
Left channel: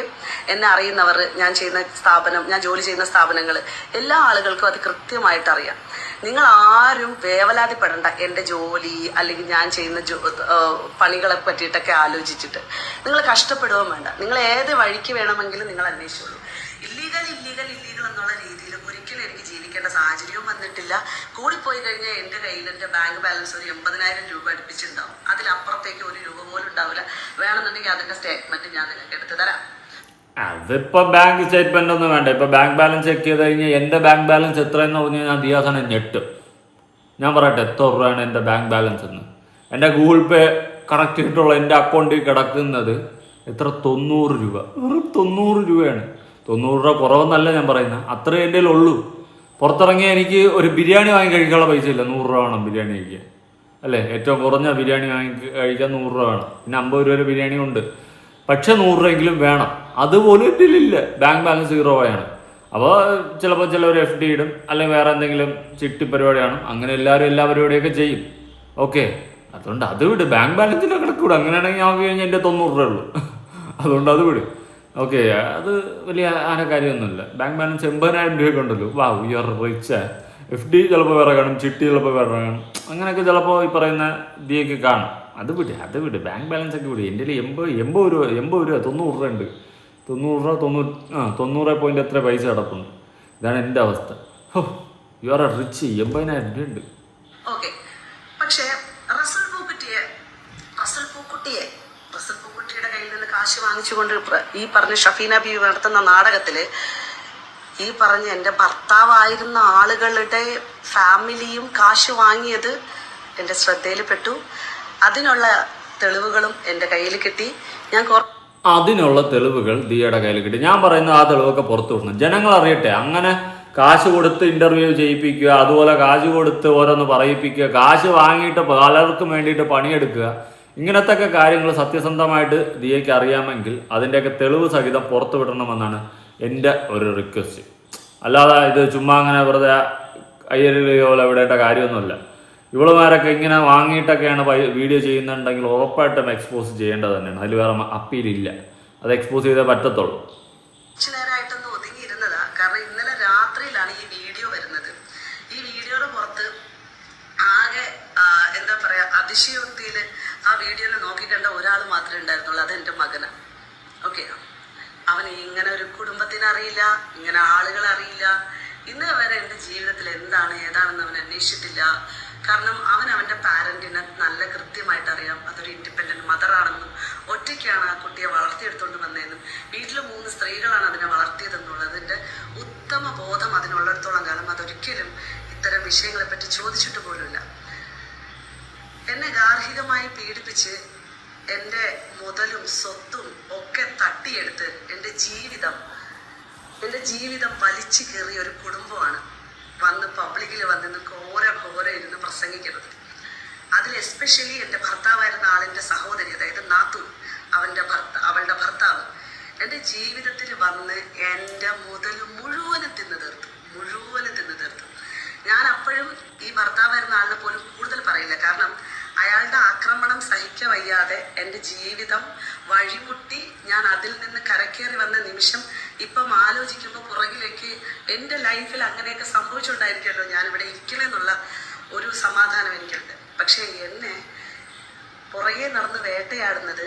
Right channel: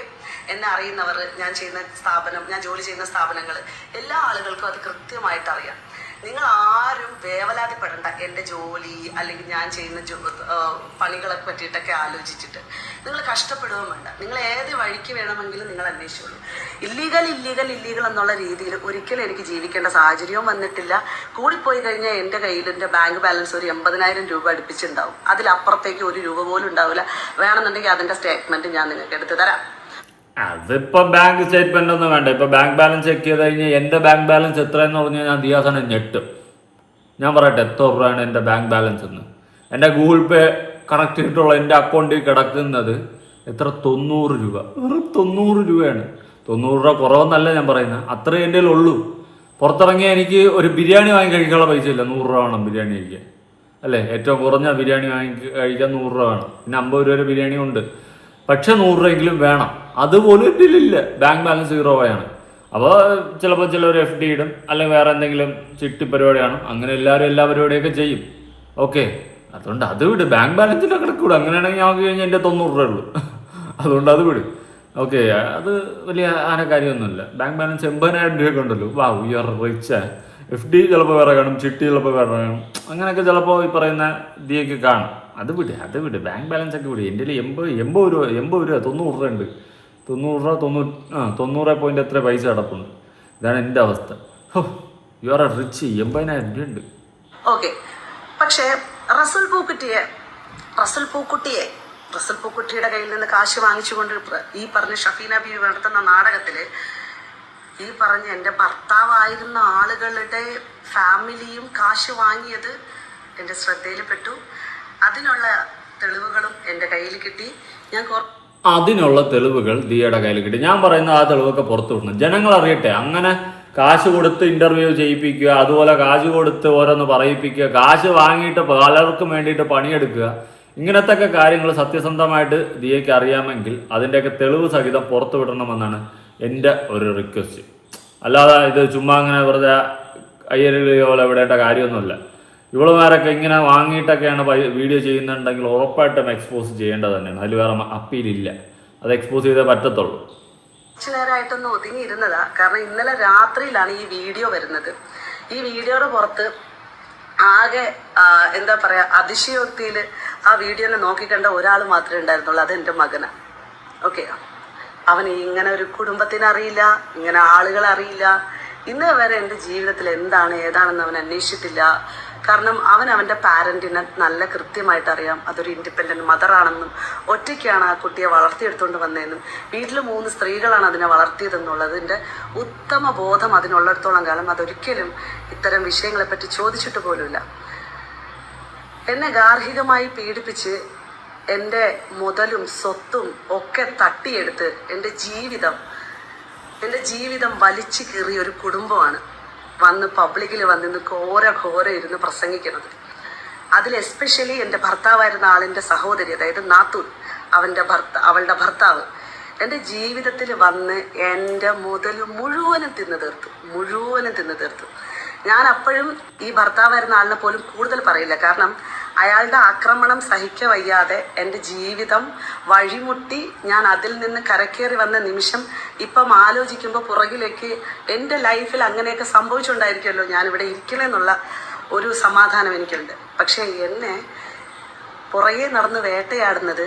എന്നെ അറിയുന്നവർ, ഞാൻ ജോലി ചെയ്യുന്ന സ്ഥാപനങ്ങൾ, എല്ലാ ആളുകൾക്കും അത് കൃത്യമായിട്ട് അറിയാം. നിങ്ങൾ ആരും വേവലാതിപ്പെടേണ്ട എൻ്റെ ജോലി അല്ലെങ്കിൽ ഞാൻ ചെയ്യുന്ന പണികളെ പറ്റിയിട്ടൊക്കെ ആലോചിച്ചിട്ട് നിങ്ങൾ കഷ്ടപ്പെടുകയും വേണ്ട. നിങ്ങൾ ഏത് വഴിക്ക് വേണമെങ്കിലും നിങ്ങൾ അന്വേഷിച്ചോളൂ. ഇല്ലീഗൽ എന്നുള്ള രീതിയിൽ ഒരിക്കലും എനിക്ക് ജീവിക്കേണ്ട സാഹചര്യവും വന്നിട്ടില്ല. കൂടിപ്പോയി കഴിഞ്ഞാൽ എൻ്റെ കയ്യിൽ എൻ്റെ ബാങ്ക് ബാലൻസ് ഒരു 80,000 രൂപ അടുപ്പിച്ചുണ്ടാവും. അതിലപ്പുറത്തേക്ക് ഒരു രൂപ പോലും ഉണ്ടാവില്ല. വേണമെന്നുണ്ടെങ്കിൽ അതിൻ്റെ സ്റ്റേറ്റ്മെന്റ് ഞാൻ നിങ്ങൾക്ക് എടുത്തു തരാം. അതിപ്പോ ബാങ്ക് സ്റ്റേറ്റ്മെന്റ് ഒന്നും വേണ്ട. ഇപ്പൊ ബാങ്ക് ബാലൻസ് ചെക്ക് ചെയ്ത് കഴിഞ്ഞാൽ എന്റെ ബാങ്ക് ബാലൻസ് എത്രയെന്ന് പറഞ്ഞാൽ ഞാൻ ദിയാസനെ ഞെട്ടും. ഞാൻ പറയട്ടെ എത്ര രൂപയാണ് എൻ്റെ ബാങ്ക് ബാലൻസ് എന്ന്. എൻ്റെ ഗൂഗിൾ പേ കണക്ട് ചെയ്തിട്ടുള്ള എൻ്റെ അക്കൗണ്ടിൽ കിടക്കുന്നത് എത്ര? 90 രൂപ. വെറും 90 രൂപയാണ്. 90 രൂപ കുറവെന്നല്ല ഞാൻ പറയുന്നത്, അത്രേ എൻ്റെ ഉള്ളൂ. പുറത്തിറങ്ങിയ എനിക്ക് ഒരു ബിരിയാണി വാങ്ങി കഴിക്കാനുള്ള പൈസ ഇല്ല. 100 രൂപ വേണം ബിരിയാണി കഴിക്കാൻ, അല്ലേ? ഏറ്റവും കുറഞ്ഞ ബിരിയാണി വാങ്ങി കഴിക്കാൻ 100 രൂപ വേണം. പിന്നെ 50 രൂപ ബിരിയാണി ഉണ്ട്, പക്ഷെ 100 രൂപയെങ്കിലും വേണം. അതുപോലും ഇതിലില്ല. ബാങ്ക് ബാലൻസ് 0 ആണ്. അപ്പോൾ ചിലപ്പോൾ ചിലവർ FD ഇടും, അല്ലെങ്കിൽ വേറെ എന്തെങ്കിലും ചിട്ടി പരിപാടിയാണ്. അങ്ങനെ എല്ലാവരും എല്ലാ പരിപാടിയൊക്കെ ചെയ്യും. ഓക്കെ, അതുകൊണ്ട് അത് വിട്. ബാങ്ക് ബാലൻസിൻ്റെ കിടക്കൂടെ. അങ്ങനെയാണെങ്കിൽ ഞങ്ങൾക്ക് കഴിഞ്ഞാൽ എൻ്റെ 90 രൂപ ഉള്ളൂ. അതുകൊണ്ട് അത് വിട്. ഓക്കെ, അത് വലിയ കാര്യമൊന്നുമില്ല. ബാങ്ക് ബാലൻസ് 80,000 രൂപയൊക്കെ ഉണ്ടല്ലോ. വാ, യു ആർ റിച്ച്. FD ചിലപ്പോൾ വേറെ കാണും, ചിട്ടി ചിലപ്പോൾ വേറെ കാണും. അങ്ങനെയൊക്കെ ചിലപ്പോൾ ഈ പറയുന്ന ഇതിയൊക്കെ കാണും. അത് വിട്. ബാങ്ക് ബാലൻസ് ഒക്കെ വിട്. എൻ്റെ 80 രൂപ 90 രൂപ ഉണ്ട്. 90 പോയിന്റ് എത്ര പൈസ കിടപ്പുണ്ട്. ഇതാണ് എൻ്റെ അവസ്ഥ. You are rich. 80,000 രൂപ ഉണ്ട്. ഓക്കെ, പക്ഷേ റസൽ പൂക്കുട്ടിയുടെ കയ്യിൽ നിന്ന് കാശ് വാങ്ങിച്ചുകൊണ്ട് ഈ പറഞ്ഞ ഷഫീന ബീവി നടത്തുന്ന നാടകത്തില് ഈ പറഞ്ഞ എൻ്റെ ഭർത്താവായിരുന്ന ആളുകളുടെ ഫാമിലിയും കാശ് വാങ്ങിയത് എൻ്റെ ശ്രദ്ധയിൽപ്പെട്ടു. അതിനുള്ള തെളിവുകളും എൻ്റെ കയ്യിൽ കിട്ടി. ഞാൻ അതിനുള്ള തെളിവുകൾ ദിയയുടെ കയ്യിൽ കിട്ടി. ഞാൻ പറയുന്ന ആ തെളിവൊക്കെ പുറത്തു വിടണം, ജനങ്ങൾ അറിയട്ടെ. അങ്ങനെ കാശ് കൊടുത്ത് ഇന്റർവ്യൂ ചെയ്യിപ്പിക്കുക, അതുപോലെ കാശ് കൊടുത്ത് ഓരോന്ന് പറയിപ്പിക്കുക, കാശ് വാങ്ങിയിട്ട് പലർക്കും വേണ്ടിയിട്ട് പണിയെടുക്കുക, ഇങ്ങനത്തെ കാര്യങ്ങൾ സത്യസന്ധമായിട്ട് ദിയയ്ക്ക് അറിയാമെങ്കിൽ അതിൻ്റെയൊക്കെ തെളിവ് സഹിതം പുറത്തു വിടണമെന്നാണ് എൻ്റെ ഒരു റിക്വസ്റ്റ്. അല്ലാതെ ഇത് ചുമ്മാ അങ്ങനെ വെറുതെ അയ്യരുകയോ പോലെ വിടേണ്ട കാര്യമൊന്നുമില്ല. ഇവളുമാരൊക്കെ ഇങ്ങനെ വാങ്ങിയിട്ടൊക്കെയാണ് വീഡിയോ ചെയ്യുന്നുണ്ടെങ്കിൽ ഉറപ്പായിട്ടും എക്സ്പോസ് ചെയ്യേണ്ടത് തന്നെയാണ്. അതിൽ വേറെ അപ്പീലില്ല, അത് എക്സ്പോസ് ചെയ്തേ പറ്റത്തുള്ളൂ. കുറച്ചു നേരമായിട്ടൊന്ന് ഒതുങ്ങിയിരുന്നതാ, കാരണം ഇന്നലെ രാത്രിയിലാണ് ഈ വീഡിയോ വരുന്നത്. ഈ വീഡിയോയുടെ പുറത്ത് ആകെ എന്താ പറയാ, അതിശയോക്തിയിൽ ആ വീഡിയോനെ നോക്കിക്കണ്ട ഒരാൾ മാത്രമേ ഉണ്ടായിരുന്നുള്ളൂ, അത് എൻ്റെ മകനാണ്. ഓക്കെ, അവന് ഇങ്ങനെ ഒരു കുടുംബത്തിനെ അറിയില്ല, ഇങ്ങനെ ആളുകളെ അറിയില്ല. ഇന്ന് വരെ എൻ്റെ ജീവിതത്തിൽ എന്താണ് ഏതാണെന്ന് അവൻ അന്വേഷിച്ചിട്ടില്ല. കാരണം അവൻ്റെ പാരൻറ്റിനെ നല്ല കൃത്യമായിട്ട് അറിയാം. അതൊരു ഇൻഡിപെൻഡൻറ്റ് മദറാണെന്നും ഒറ്റയ്ക്കാണ് ആ കുട്ടിയെ വളർത്തിയെടുത്തുകൊണ്ട് വന്നതെന്നും വീട്ടിൽ 3 സ്ത്രീകളാണ് അതിനെ വളർത്തിയതെന്നുള്ളതിൻ്റെ ഉത്തമ ബോധം അതിനുള്ളിടത്തോളം കാലം അതൊരിക്കലും ഇത്തരം വിഷയങ്ങളെപ്പറ്റി ചോദിച്ചിട്ട് പോലുമില്ല. എന്നെ ഗാർഹികമായി പീഡിപ്പിച്ച് എൻ്റെ മുതലും സ്വത്തും ഒക്കെ തട്ടിയെടുത്ത് എൻ്റെ ജീവിതം വലിച്ചു കീറിയ ഒരു കുടുംബമാണ് വന്ന് പബ്ലിക്കിൽ വന്നിന്ന് ഘോര ഇരുന്ന് പ്രസംഗിക്കുന്നത്. അതിൽ എസ്പെഷ്യലി എൻ്റെ ഭർത്താവായിരുന്ന ആളിൻ്റെ സഹോദരി, അതായത് നാത്തൂൻ, അവളുടെ ഭർത്താവ് എൻ്റെ ജീവിതത്തിൽ വന്ന് എൻ്റെ മുതൽ മുഴുവനും തിന്നു തീർത്തു. ഞാൻ അപ്പോഴും ഈ ഭർത്താവായിരുന്ന ആളിനെ പോലും കൂടുതൽ പറയില്ല, കാരണം അയാളുടെ ആക്രമണം സഹിക്ക വയ്യാതെ എൻ്റെ ജീവിതം വഴിമുട്ടി ഞാൻ അതിൽ നിന്ന് കരക്കേറി വന്ന നിമിഷം ഇപ്പം ആലോചിക്കുമ്പോൾ പുറകിലേക്ക് എൻ്റെ ലൈഫിൽ അങ്ങനെയൊക്കെ സംഭവിച്ചുകൊണ്ടായിരിക്കുമല്ലോ ഞാനിവിടെ ഇരിക്കണമെന്നുള്ള ഒരു സമാധാനം എനിക്കുണ്ട്. പക്ഷേ എന്നെ പുറകെ നടന്ന് വേട്ടയാടുന്നത്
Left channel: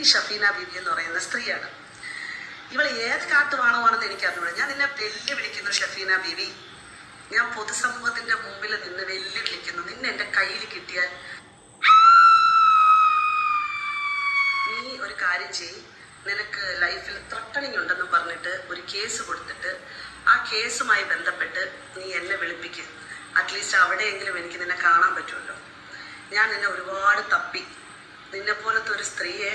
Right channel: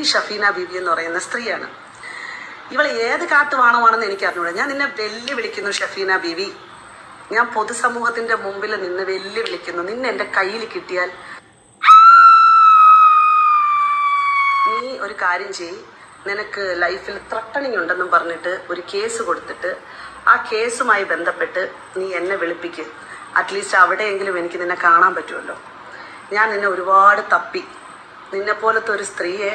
ഈ ഷഫീന ബീബി എന്ന് പറയുന്ന സ്ത്രീയാണ്. ഇവൾ ഏത് കാട്ടുവാണമാണെന്ന് എനിക്ക് അറിഞ്ഞൂടാ. ഞാൻ നിന്നെ വെല്ലുവിളിക്കുന്നു ഷഫീന ബീബി, ഞാൻ പൊതുസമൂഹത്തിൻ്റെ മുമ്പിൽ നിന്ന് വെല്ലുവിളിക്കുന്നു. നിന്നെ എൻ്റെ കയ്യിൽ കിട്ടിയാൽ നീ ഒരു കാര്യം ചെയ്യ്, നിനക്ക് ലൈഫിൽ ത്രട്ടണിങ് ഉണ്ടെന്നും പറഞ്ഞിട്ട് ഒരു കേസ് കൊടുത്തിട്ട് ആ കേസുമായി ബന്ധപ്പെട്ട് നീ എന്നെ വിളിപ്പിക്കും. അറ്റ്ലീസ്റ്റ് അവിടെയെങ്കിലും എനിക്ക് നിന്നെ കാണാൻ പറ്റുമല്ലോ. ഞാൻ നിന്നെ ഒരുപാട് തപ്പി. നിന്നെപ്പോലത്തെ ഒരു സ്ത്രീയെ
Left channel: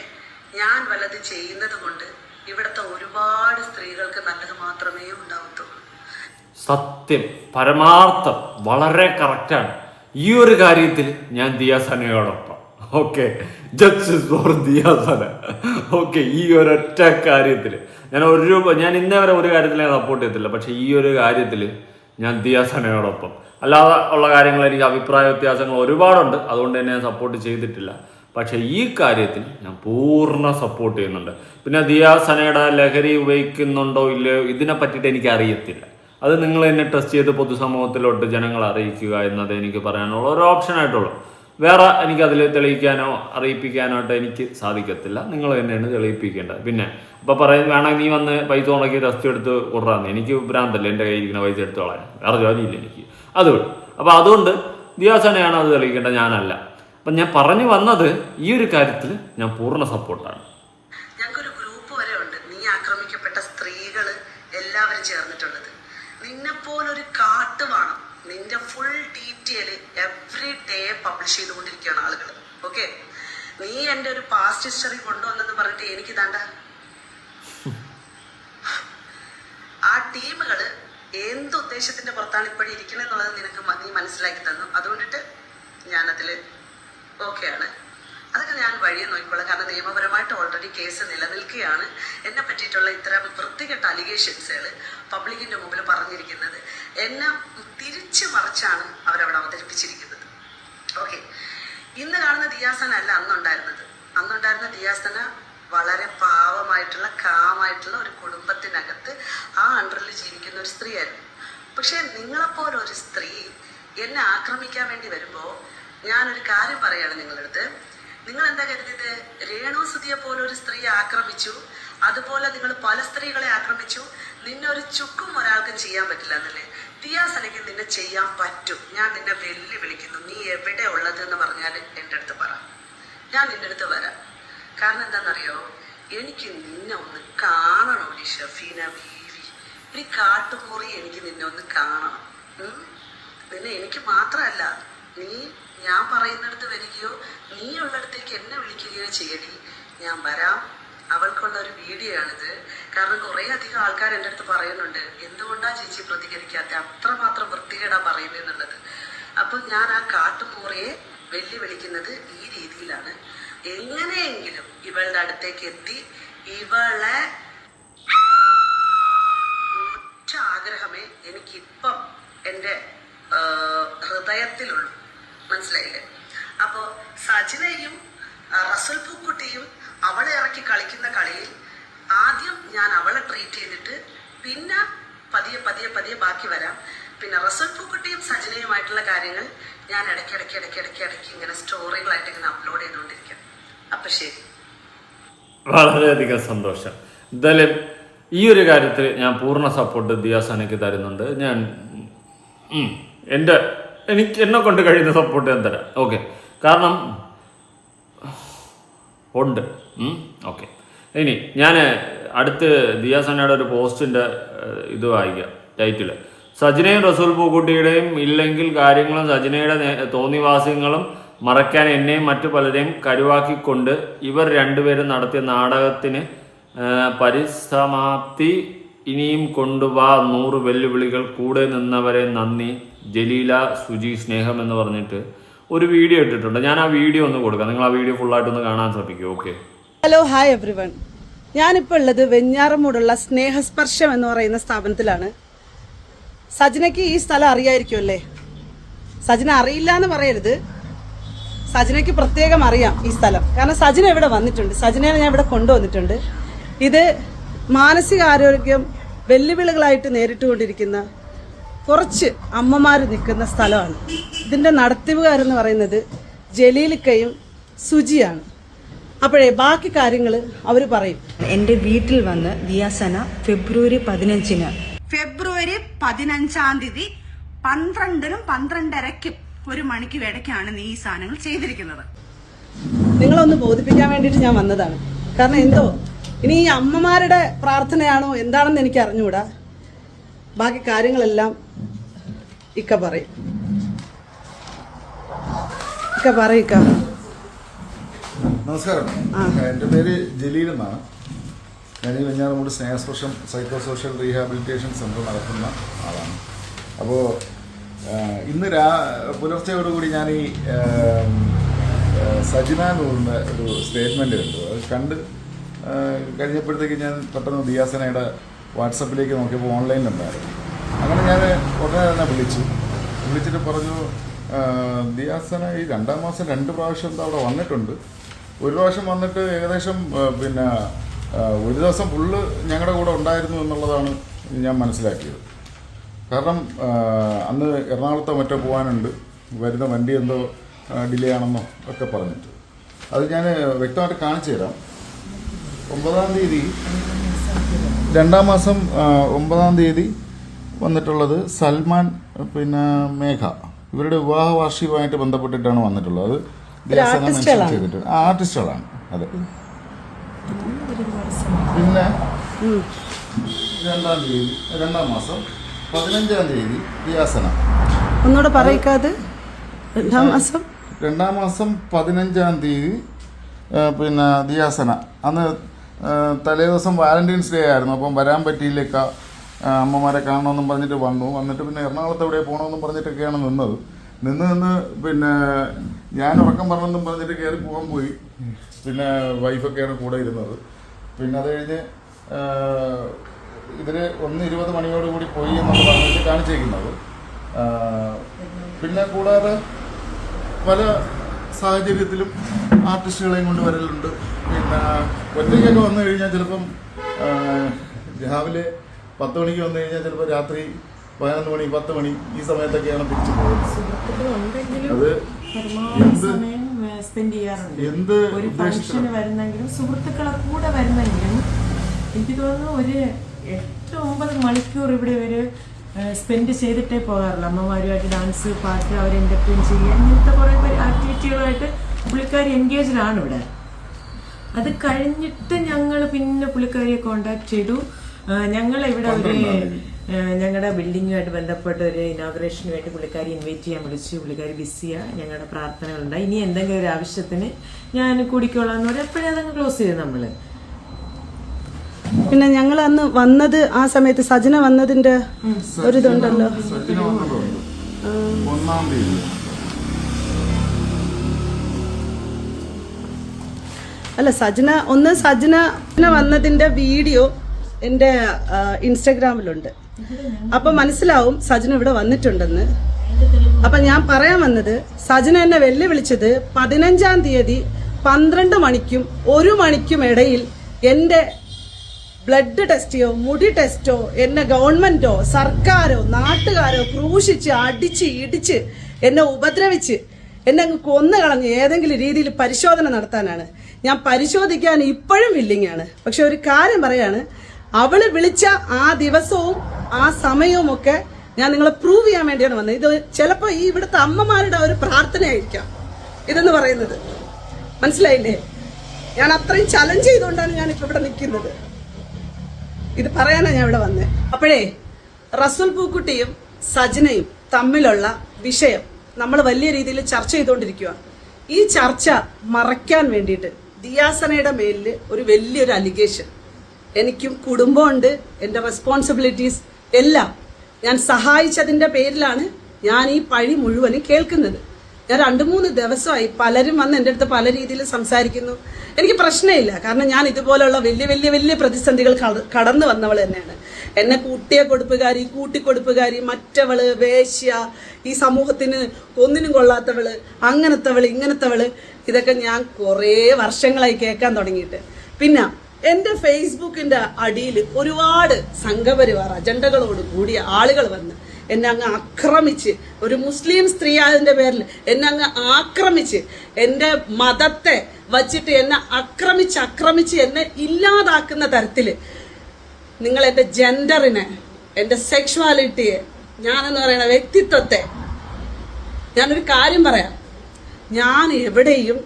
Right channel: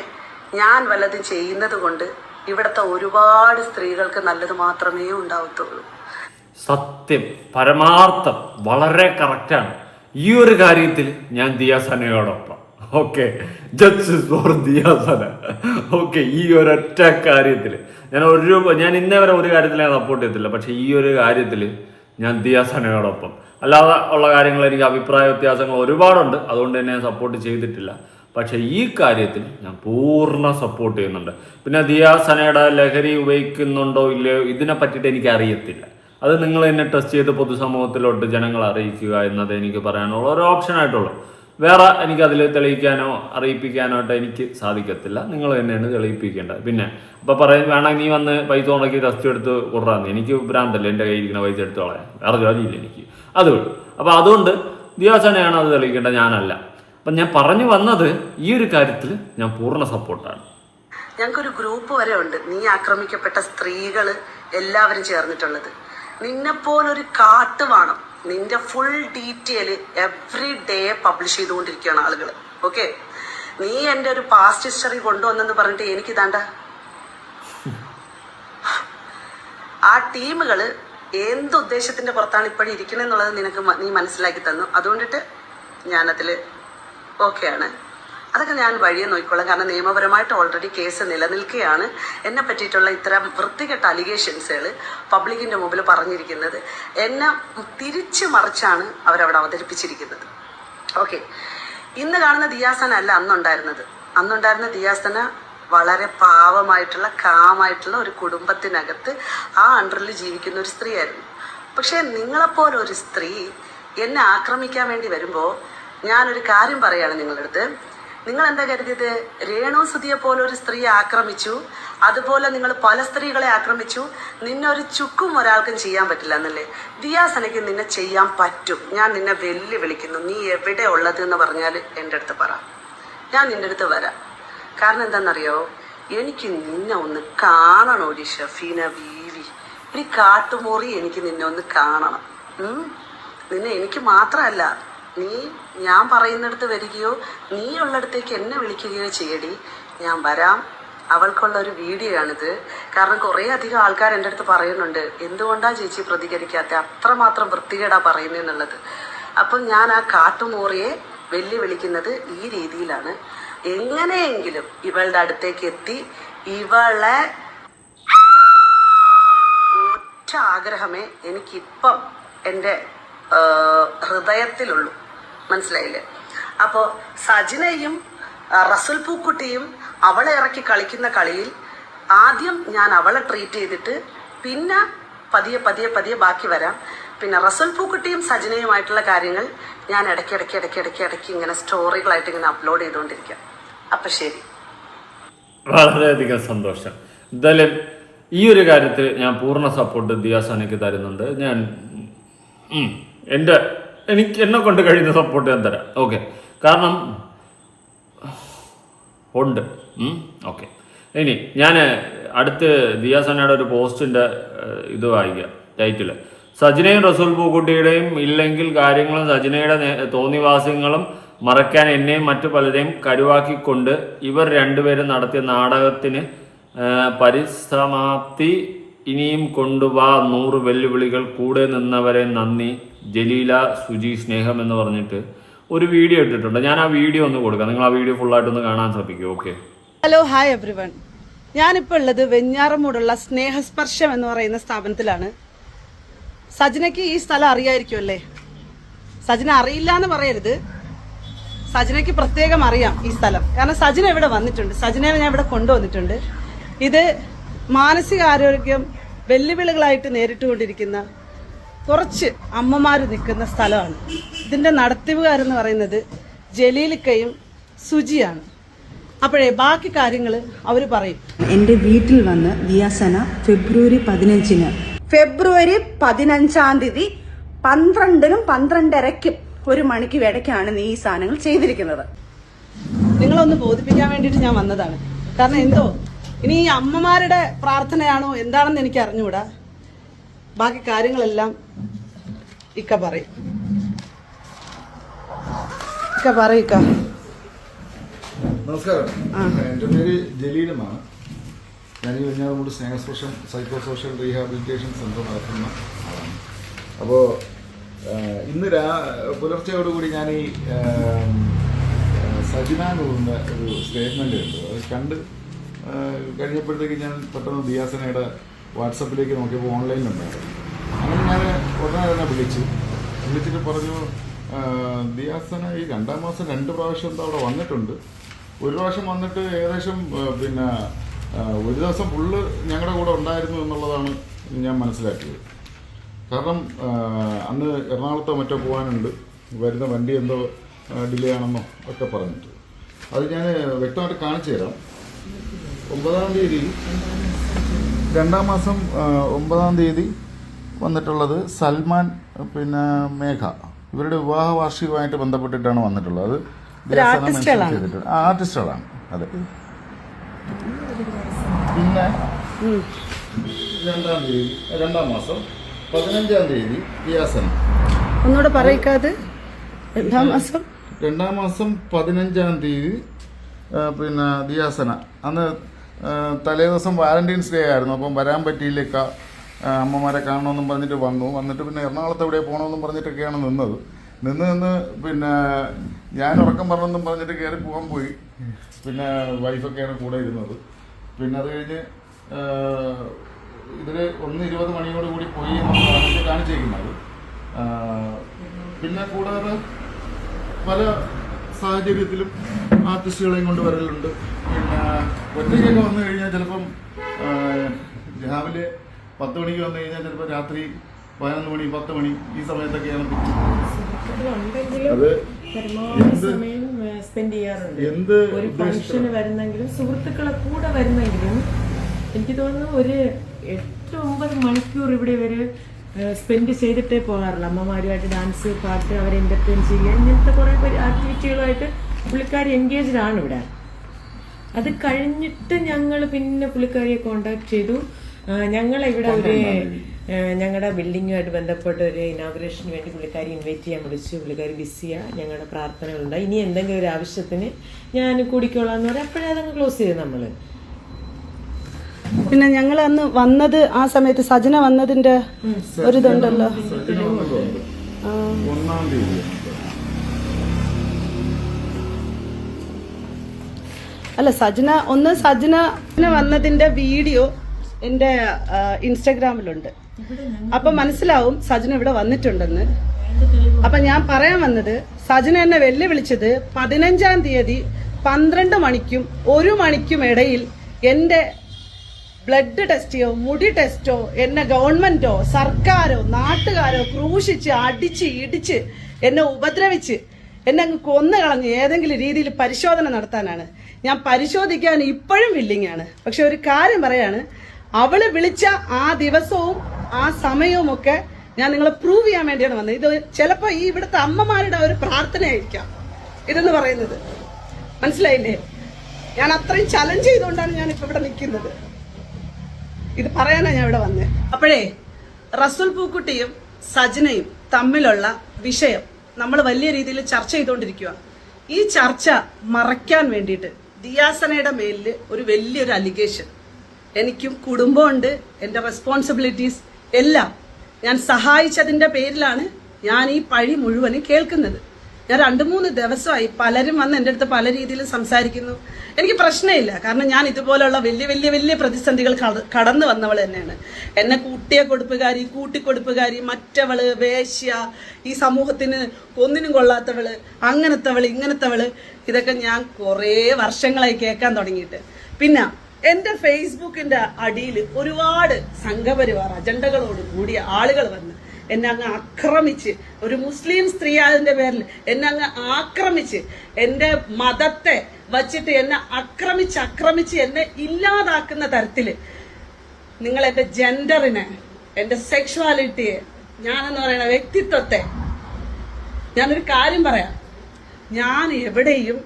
ഞാൻ വല്ലതും ചെയ്യുന്നത് കൊണ്ട് ഇവിടുത്തെ ഒരുപാട് സ്ത്രീകൾക്ക് നല്ലത് മാത്രമേ ഉണ്ടാവത്തുള്ളൂ. സത്യം, പരമാർത്ഥം, വളരെ കറക്റ്റാണ്. ഈ ഒരു കാര്യത്തിൽ ഞാൻ ദിയാസനയോടൊപ്പം. Okay, justice for Diyasana. Okay, ഈ ഒരൊറ്റ കാര്യത്തിൽ ഞാൻ ഇന്നേ വരെ ഒരു കാര്യത്തിൽ ഞാൻ സപ്പോർട്ട് ചെയ്തിട്ടില്ല, പക്ഷെ ഈ ഒരു കാര്യത്തിൽ ഞാൻ ദിയാസനയോടൊപ്പം. അല്ലാതെ ഉള്ള കാര്യങ്ങൾ എനിക്ക് അഭിപ്രായ വ്യത്യാസങ്ങൾ ഒരുപാടുണ്ട്, അതുകൊണ്ട് തന്നെ ഞാൻ സപ്പോർട്ട് ചെയ്തിട്ടില്ല. പക്ഷെ ഈ കാര്യത്തിൽ ഞാൻ പൂർണ്ണ സപ്പോർട്ട് ചെയ്യുന്നുണ്ട്. പിന്നെ ദിയാസനയുടെ ലഹരി ഉപയോഗിക്കുന്നുണ്ടോ ഇല്ലയോ ഇതിനെ പറ്റിയിട്ട് എനിക്ക് അറിയത്തില്ല. അത് നിങ്ങൾ തന്നെ ടെസ്റ്റ് ചെയ്ത് പൊതുസമൂഹത്തിലോട്ട് ജനങ്ങളെ അറിയിക്കുക എന്നത് എനിക്ക് പറയാനുള്ള ഒരു ഓപ്ഷനായിട്ടുള്ളൂ. വേറെ എനിക്കതിൽ തെളിയിക്കാനോ അറിയിപ്പിക്കാനോ ആയിട്ട് എനിക്ക് സാധിക്കത്തില്ല. നിങ്ങൾ തന്നെയാണ് തെളിയിപ്പിക്കേണ്ടത്. പിന്നെ അപ്പോൾ പറയും വേണമെങ്കിൽ നീ വന്ന് പൈസ ഉണക്കി ടെസ്റ്റ് എടുത്ത് കൊടുറാന്ന്. എനിക്ക് ഭ്രാന്തല്ലേ എൻ്റെ കയ്യിൽ ഇരിക്കുന്ന പൈസ എടുത്ത് കളയാൻ, വേറെ ജോലിയില്ല എനിക്ക്. അതുകൊണ്ട് അപ്പോൾ അതുകൊണ്ട് ദിയാസനയാണ് അത് തെളിയിക്കേണ്ടത്, ഞാനല്ല. അപ്പം ഞാൻ പറഞ്ഞു വന്നത് ഈ ഒരു കാര്യത്തിൽ ഞാൻ പൂർണ്ണ സപ്പോർട്ടാണ്. ഞങ്ങൾക്കൊരു ഗ്രൂപ്പ് വരെ ഉണ്ട്, നീ ആക്രമിക്കപ്പെട്ട സ്ത്രീകൾ എല്ലാവരും ചേർന്നിട്ടുള്ളത്. നിന്നെപ്പോലൊരു കാട്ടുവാണം, നിന്റെ full detail every day publish ചെയ്തുകൊണ്ടിരിക്കുകയാണ് ആളുകൾ. ഓക്കെ, നീ എൻ്റെ ഒരു പാസ്റ്റ് ഹിസ്റ്ററി കൊണ്ടുവന്നെന്ന് പറഞ്ഞിട്ട് എനിക്ക് താണ്ട ആ ടീമുകൾ എന്തുദ്ദേശത്തിന്റെ പുറത്താണ് ഇപ്പോഴും ഇരിക്കണെന്നുള്ളത് നീ മനസ്സിലാക്കി തന്നു. അതുകൊണ്ടിട്ട് ഞാനതിൽ ഓക്കെയാണ്. അതൊക്കെ ഞാൻ വഴിയെ നോക്കിക്കോളാം. കാരണം നിയമപരമായിട്ട് ഓൾറെഡി കേസ് നിലനിൽക്കുകയാണ്. എന്നെ പറ്റിയിട്ടുള്ള ഇത്തരം വൃത്തികെട്ട അലിഗേഷൻസുകൾ പബ്ലിക്കിൻ്റെ മുമ്പിൽ പറഞ്ഞിരിക്കുന്നത് എന്നെ തിരിച്ചു മറിച്ചാണ് അവരവിടെ അവതരിപ്പിച്ചിരിക്കുന്നത്. ഓക്കെ, ഇന്ന് കാണുന്ന ദിയാസന അല്ല അന്നുണ്ടായിരുന്ന ദിയാസന വളരെ പാവമായിട്ടുള്ള കാമായിട്ടുള്ള ഒരു കുടുംബത്തിനകത്ത് ആ അണ്ടറിൽ ജീവിക്കുന്ന ഒരു സ്ത്രീയായിരുന്നു. പക്ഷേ നിങ്ങളെപ്പോലെ ഒരു സ്ത്രീ എന്നെ ആക്രമിക്കാൻ വേണ്ടി വരുമ്പോൾ ഞാനൊരു കാര്യം പറയുകയാണ് നിങ്ങളുടെ അടുത്ത്. നിങ്ങൾ എന്താ കരുതിയത്? രേണു സുധിയെ പോലെ ഒരു സ്ത്രീയെ ആക്രമിച്ചു, അതുപോലെ നിങ്ങൾ പല സ്ത്രീകളെ ആക്രമിച്ചു, നിന്നൊരു ചുക്കും ഒരാൾക്കും ചെയ്യാൻ പറ്റില്ല എന്നല്ലേ? ദിയാസനയ്ക്ക് നിന്നെ ചെയ്യാൻ പറ്റും. ഞാൻ നിന്നെ വെല്ലുവിളിക്കുന്നു. നീ എവിടെ ഉള്ളത് എന്ന് പറഞ്ഞാൽ എൻ്റെ അടുത്ത് പറ, ഞാൻ നിൻ്റെ അടുത്ത് വരാം. കാരണം എന്താണെന്നറിയോ, എനിക്ക് നിന്നെ ഒന്ന് കാണണോടി ഷഫീന ബീവി. ഈ കാട്ടുമുറി എനിക്ക് നിന്നെ ഒന്ന് കാണണം. നിന്നെ എനിക്ക് മാത്രമല്ല, നീ ഞാൻ പറയുന്നിടത്ത് വരികയോ നീ ഉള്ളിടത്തേക്ക് എന്നെ വിളിക്കുകയോ ചെയ്യടി, ഞാൻ വരാം. അവൾക്കുള്ള ഒരു വീഡിയോ ആണിത്. കാരണം കുറേ അധികം ആൾക്കാർ എൻ്റെ അടുത്ത് പറയുന്നുണ്ട്, എന്തുകൊണ്ടാണ് ചേച്ചി പ്രതികരിക്കാത്ത, അത്രമാത്രം വൃത്തികേടാ പറയുന്നതെന്നുള്ളത്. അപ്പം ഞാൻ ആ കാട്ടുമോറിയെ വെല്ലുവിളിക്കുന്നത് ഈ രീതിയിലാണ്. എങ്ങനെയെങ്കിലും ഇവളുടെ അടുത്തേക്ക് എത്തി ഇവളെ ഒറ്റ ആഗ്രഹമേ എനിക്കിപ്പം എൻ്റെ ഹൃദയത്തിലുള്ളൂ. മനസ്സിലായില്ലേ? അപ്പോൾ സജിനയും റസൽ പൂക്കുട്ടിയും അവളെ ഇറക്കി കളിക്കുന്ന കളിയിൽ ആദ്യം ഞാൻ അവളെ ട്രീറ്റ് ചെയ്തിട്ട് പിന്നെ പതിയെ പതിയെ പതിയെ ബാക്കി വരാം. പിന്നെ റസൽ പൂക്കുട്ടിയും സജിനയുമായിട്ടുള്ള കാര്യങ്ങൾ ഞാൻ ഇടയ്ക്ക് ഇങ്ങനെ സ്റ്റോറികളായിട്ട് ഇങ്ങനെ അപ്ലോഡ് ചെയ്തുകൊണ്ടിരിക്കാം. അപ്പം ശരി. വളരെയധികം സന്തോഷം. എന്തായാലും ഈ ഒരു കാര്യത്തിൽ ഞാൻ പൂർണ്ണ സപ്പോർട്ട് ദിയാസനയ്ക്ക് തരുന്നുണ്ട്. ഞാൻ എന്നെ കൊണ്ട് കഴിയുന്ന സപ്പോർട്ട് ഞാൻ തരാം. ഓക്കെ, കാരണം ഉണ്ട്. ഓക്കെ, ഇനി ഞാൻ അടുത്ത് ദിയാസനയുടെ ഒരു പോസ്റ്റിൻ്റെ ഇത് വായിക്കാം. ടൈറ്റില്: സജിനയും റസൂൽ പൂക്കുട്ടിയുടെയും ഇല്ലെങ്കിൽ കാര്യങ്ങളും സജിനയുടെ തോന്നിവാസ്യങ്ങളും മറയ്ക്കാൻ എന്നെയും മറ്റു പലരെയും കരുവാക്കിക്കൊണ്ട് ഇവർ രണ്ടുപേരും നടത്തിയ നാടകത്തിന് പരിസമാപ്തി. ഇനിയും കൊണ്ടുവാ 100 വെല്ലുവിളികൾ, കൂടെ നിന്നവരെ നന്ദി, ജലീല സുജി സ്നേഹം എന്ന് പറഞ്ഞിട്ട് ഒരു വീഡിയോ ഇട്ടിട്ടുണ്ട്. ഞാൻ ആ വീഡിയോ ഒന്ന് കൊടുക്കാം, നിങ്ങൾ ആ വീഡിയോ ഫുള്ളായിട്ടൊന്ന് കാണാൻ ശ്രമിക്കും. ഓക്കെ. Hello, hi everyone. ഞാനിപ്പോൾ ഉള്ളത് വെഞ്ഞാറമൂടുള്ള സ്നേഹസ്പർശം എന്ന് പറയുന്ന സ്ഥാപനത്തിലാണ്. സജിനയ്ക്ക് ഈ സ്ഥലം അറിയായിരിക്കുമല്ലേ? സജിന അറിയില്ല എന്ന് പറയരുത്, സജിനയ്ക്ക് പ്രത്യേകം അറിയാം ഈ സ്ഥലം. കാരണം സജിന ഇവിടെ വന്നിട്ടുണ്ട്, സജിനയെ ഞാൻ ഇവിടെ കൊണ്ടുവന്നിട്ടുണ്ട്. ഇത് മാനസികാരോഗ്യം വെല്ലുവിളികളായിട്ട് നേരിട്ടുകൊണ്ടിരിക്കുന്ന കുറച്ച് അമ്മമാർ നിൽക്കുന്ന സ്ഥലമാണ്. ഇതിന്റെ നടത്തിപ്പുകാരെന്ന് പറയുന്നത് ജലീലിക്കയും സുജിയാണ്. അപ്പോഴേ ബാക്കി കാര്യങ്ങൾ അവർ പറയും. എന്റെ വീട്ടിൽ വന്ന് ദിയാസന ഫെബ്രുവരി 15-ന് ഫെബ്രുവരി 15-ാം തീയതി 12-നും 12:30-ക്കും 1 മണിക്ക് ഇടയ്ക്കാണ് നീ ഈ സാധനങ്ങൾ ചെയ്തിരിക്കുന്നത്. നിങ്ങളൊന്ന് ബോധിപ്പിക്കാൻ വേണ്ടിയിട്ട് ഞാൻ വന്നതാണ്. കാരണം എന്തോ ഇനി ഈ അമ്മമാരുടെ പ്രാർത്ഥനയാണോ എന്താണെന്ന് എനിക്ക് അറിഞ്ഞുകൂടാ. ബാക്കി കാര്യങ്ങളെല്ലാം ഇക്ക പറയും. നമസ്കാരം, എൻ്റെ പേര് ജലീൽ എന്നാണ്. ഞാൻ ഈ വെഞ്ഞാറമൂട് സ്നേഹസ്പർശം സൈക്കോ സോഷ്യൽ റീഹാബിലിറ്റേഷൻ സെൻ്റർ നടത്തുന്ന ആളാണ്. അപ്പോൾ ഇന്ന് പുലർച്ചയോടുകൂടി ഞാൻ ഈ സജിന എന്ന് പറയുന്ന ഒരു സ്റ്റേറ്റ്മെൻ്റ് ഉണ്ട്, അത് കണ്ട് കഴിഞ്ഞപ്പോഴത്തേക്ക് ഞാൻ പെട്ടെന്ന് ദിയാസനയുടെ വാട്സപ്പിലേക്ക് നോക്കിയപ്പോൾ ഓൺലൈനിലുണ്ടായിരുന്നു. അങ്ങനെ ഞാൻ ഉടനെ തന്നെ വിളിച്ചിട്ട് പറഞ്ഞു, ദിയാസന ഈ 2-ാം മാസം 2 പ്രാവശ്യം എന്താ അവിടെ വന്നിട്ടുണ്ട്. ഒരു പ്രാവശ്യം വന്നിട്ട് ഏകദേശം പിന്നെ ഒരു ദിവസം ഫുള്ള് ഞങ്ങളുടെ കൂടെ ഉണ്ടായിരുന്നു എന്നുള്ളതാണ് ഞാൻ മനസ്സിലാക്കിയത്. കാരണം അന്ന് എറണാകുളത്തോ മറ്റോ പോകാനുണ്ട്, വരുന്ന വണ്ടി എന്തോ ഡിലേ ആണെന്നോ ഒക്കെ പറഞ്ഞിട്ട്. അത് ഞാൻ വ്യക്തമായിട്ട് കാണിച്ചു തരാം. 9-ാം തീയതി 2-ാം മാസം 9-ാം തീയതി വന്നിട്ടുള്ളത് സൽമാൻ പിന്നെ മേഘ, ഇവരുടെ വിവാഹ വാർഷികമായിട്ട് ബന്ധപ്പെട്ടിട്ടാണ് വന്നിട്ടുള്ളത്. അത് മെൻഷൻ ചെയ്തിട്ടുണ്ട്. ആർട്ടിസ്റ്റുകളാണ്. അതെ. പിന്നെ 2-ാം മാസം 15-ാം തീയതി ദിയാസന. ഒന്നുകൂടെ പറയിക്കാതെ. 2-ാം മാസം 15-ാം തീയതി പിന്നെ ദിയാസന. അന്ന് തലേ ദിവസം വാലന്റൈൻസ് ഡേ ആയിരുന്നു. അപ്പം വരാൻ പറ്റിയില്ലേക്ക, അമ്മമാരെ കാണണമെന്നും പറഞ്ഞിട്ട് വന്നിട്ട് പിന്നെ എറണാകുളത്ത് എവിടെ പോകണമെന്നും പറഞ്ഞിട്ടൊക്കെയാണ് നിന്നത്. നിന്ന് പിന്നെ ഞാൻ ഉറക്കം പറഞ്ഞെന്നും പറഞ്ഞിട്ട് കയറി പോയി. പിന്നെ വൈഫൊക്കെയാണ് കൂടെ ഇരുന്നത്. പിന്നെ അത് കഴിഞ്ഞ് ഇതിൽ 1:20 മണിയോടുകൂടി പോയി എന്നുള്ളതാണ് കാണിച്ചേക്കുന്നത്. പിന്നെ കൂടാതെ പല സാഹചര്യത്തിലും ആർട്ടിസ്റ്റുകളെയും കൊണ്ട് വരലുണ്ട്. പിന്നെ ഒറ്റയ്ക്കൊക്കെ വന്നു കഴിഞ്ഞാൽ ചിലപ്പം രാവിലെ 10 മണിക്ക് വന്നു കഴിഞ്ഞാൽ ചിലപ്പോൾ രാത്രി 11 മണി 10 മണി ഈ സമയത്തൊക്കെയാണ് തിരിച്ചു പോകുന്നത്. അത് എന്ത് ഒരു ഫംഗ്ഷന് വരുന്നെങ്കിലും സുഹൃത്തുക്കളെ കൂടെ വരുന്നെങ്കിലും എനിക്ക് തോന്നുന്നു ഒരു 8-9 മണിക്കൂർ ഇവിടെ ഇവര് സ്പെൻഡ് ചെയ്തിട്ടേ പോകാറില്ല. അമ്മമാരുമായിട്ട് ഡാൻസ്, പാട്ട്, അവരെ എന്റർടൈൻ ചെയ്യുക, ഇങ്ങനത്തെ കുറെ ആക്ടിവിറ്റികളുമായിട്ട് പുള്ളിക്കാരി എൻഗേജ്ഡ് ആണ് ഇവിടെ. അത് കഴിഞ്ഞിട്ട് ഞങ്ങൾ പിന്നെ പുള്ളിക്കാരിയെ കോണ്ടാക്ട് ചെയ്തു. ഞങ്ങളിവിടെ ഒരു ഞങ്ങളുടെ ബിൽഡിങ്ങുമായിട്ട് ബന്ധപ്പെട്ട ഒരു ഇനോഗ്രേഷന് വേണ്ടി പുള്ളിക്കാരി ഇൻവൈറ്റ് ചെയ്യാൻ വിളിച്ചു. പുള്ളിക്കാരി ബിസിയാണ്. ഞങ്ങളുടെ പ്രാർത്ഥനകളുണ്ട്. ഇനി എന്തെങ്കിലും ഒരു ആവശ്യത്തിന് ഞാൻ കൂടിക്കോളാന്ന് പറയാം. അപ്പോഴേ അതങ്ങ് ക്ലോസ് ചെയ്തു നമ്മള്. പിന്നെ ഞങ്ങൾ അന്ന് വന്നത് ആ സമയത്ത് സജന വന്നതിന്റെ ഒരിതുണ്ടല്ലോ. സജിന വന്നതുണ്ട് 1-ാം തീയതി. അല്ല സജന വന്നതിന്റെ വീഡിയോ എന്റെ ഇൻസ്റ്റഗ്രാമിലുണ്ട്. അപ്പൊ മനസ്സിലാവും സജന ഇവിടെ വന്നിട്ടുണ്ടെന്ന്. അപ്പൊ ഞാൻ പറയാൻ വന്നത്, സജന എന്നെ വെല്ലുവിളിച്ചത് 15-ാം തീയതി 12 മണിക്കും 1 മണിക്കും ഇടയിൽ എന്റെ ബ്ലഡ് ടെസ്റ്റോ മുടി ടെസ്റ്റോ എന്നെ ഗവൺമെന്റോ സർക്കാരോ നാട്ടുകാരോ ക്രൂശിച്ച് അടിച്ച് ഇടിച്ച് എന്നെ ഉപദ്രവിച്ച് എന്നെ അങ്ങ് കൊന്നു കളഞ്ഞ് ഏതെങ്കിലും രീതിയിൽ പരിശോധന നടത്താനാണ്. ഞാൻ പരിശോധിക്കാൻ ഇപ്പോഴും വില്ലിങ് ആണ്. പക്ഷെ ഒരു കാര്യം പറയാണ്, അവള് വിളിച്ച ആ ദിവസവും ആ സമയവും ഒക്കെ ഞാൻ നിങ്ങളെ പ്രൂവ് ചെയ്യാൻ വേണ്ടിയാണ് വന്നത്. ഇത് ചിലപ്പോ ഈ ഇവിടുത്തെ അമ്മമാരുടെ ഒരു പ്രാർത്ഥനയായിരിക്കാം ഇതെന്ന് പറയുന്നത്. മനസ്സിലായില്ലേ? ഞാൻ അത്രയും ചലഞ്ച് ചെയ്തുകൊണ്ടാണ് ഞാൻ ഇപ്പൊ ഇവിടെ നിൽക്കുന്നത്. ഇത് പറയാനാണ് ഞാൻ ഇവിടെ വന്നത്. അപ്പോഴേ റസൂൽ പൂക്കുട്ടിയും സജനയും തമ്മിലുള്ള വിഷയം നമ്മൾ വലിയ രീതിയിൽ ചർച്ച ചെയ്തുകൊണ്ടിരിക്കുകയാണ്. ഈ ചർച്ച മറയ്ക്കാൻ വേണ്ടിയിട്ട് ദിയാസനയുടെ മേലിൽ ഒരു വലിയൊരു അലിഗേഷൻ, എനിക്കും കുടുംബമുണ്ട്, എൻ്റെ റെസ്പോൺസിബിലിറ്റീസ് എല്ലാം ഞാൻ സഹായിച്ചതിന്റെ പേരിലാണ് ഞാൻ ഈ പഴി മുഴുവനും കേൾക്കുന്നത്. ഞാൻ 2-3 ദിവസമായി പലരും വന്ന് എൻ്റെ അടുത്ത് പല രീതിയിൽ സംസാരിക്കുന്നു. എനിക്ക് പ്രശ്നമില്ല, കാരണം ഞാൻ ഇതുപോലുള്ള വലിയ പ്രതിസന്ധികൾ കടന്നു വന്നവൾ തന്നെയാണ്. എന്നെ കൂട്ടിക്കൊടുപ്പുകാരി, മറ്റവള്, വേശ്യ, ഈ സമൂഹത്തിന് ഒന്നിനും കൊള്ളാത്തവള്, അങ്ങനത്തവള്, ഇങ്ങനത്തവള്, ഇതൊക്കെ ഞാൻ കുറേ വർഷങ്ങളായി കേൾക്കാൻ തുടങ്ങിയിട്ട്. പിന്നെ എന്റെ ഫേസ്ബുക്കിന്റെ അടിയിൽ ഒരുപാട് സംഘപരിവാർ അജണ്ടകളോട് കൂടിയ ആളുകൾ വന്ന് എന്നെ അങ്ങ് ആക്രമിച്ച്, ഒരു മുസ്ലിം സ്ത്രീ ആയതിന്റെ പേരിൽ എന്നെ അങ്ങ് ആക്രമിച്ച്, എന്റെ മതത്തെ വച്ചിട്ട് എന്നെ ആക്രമിച്ച് എന്നെ ഇല്ലാതാക്കുന്ന തരത്തില് നിങ്ങൾ എന്റെ ജെൻഡറിനെ, എന്റെ സെക്ഷുവാലിറ്റിയെ, ഞാനെന്ന് പറയുന്ന വ്യക്തിത്വത്തെ, ഞാനൊരു കാര്യം പറയാം, ഞാൻ എവിടെയും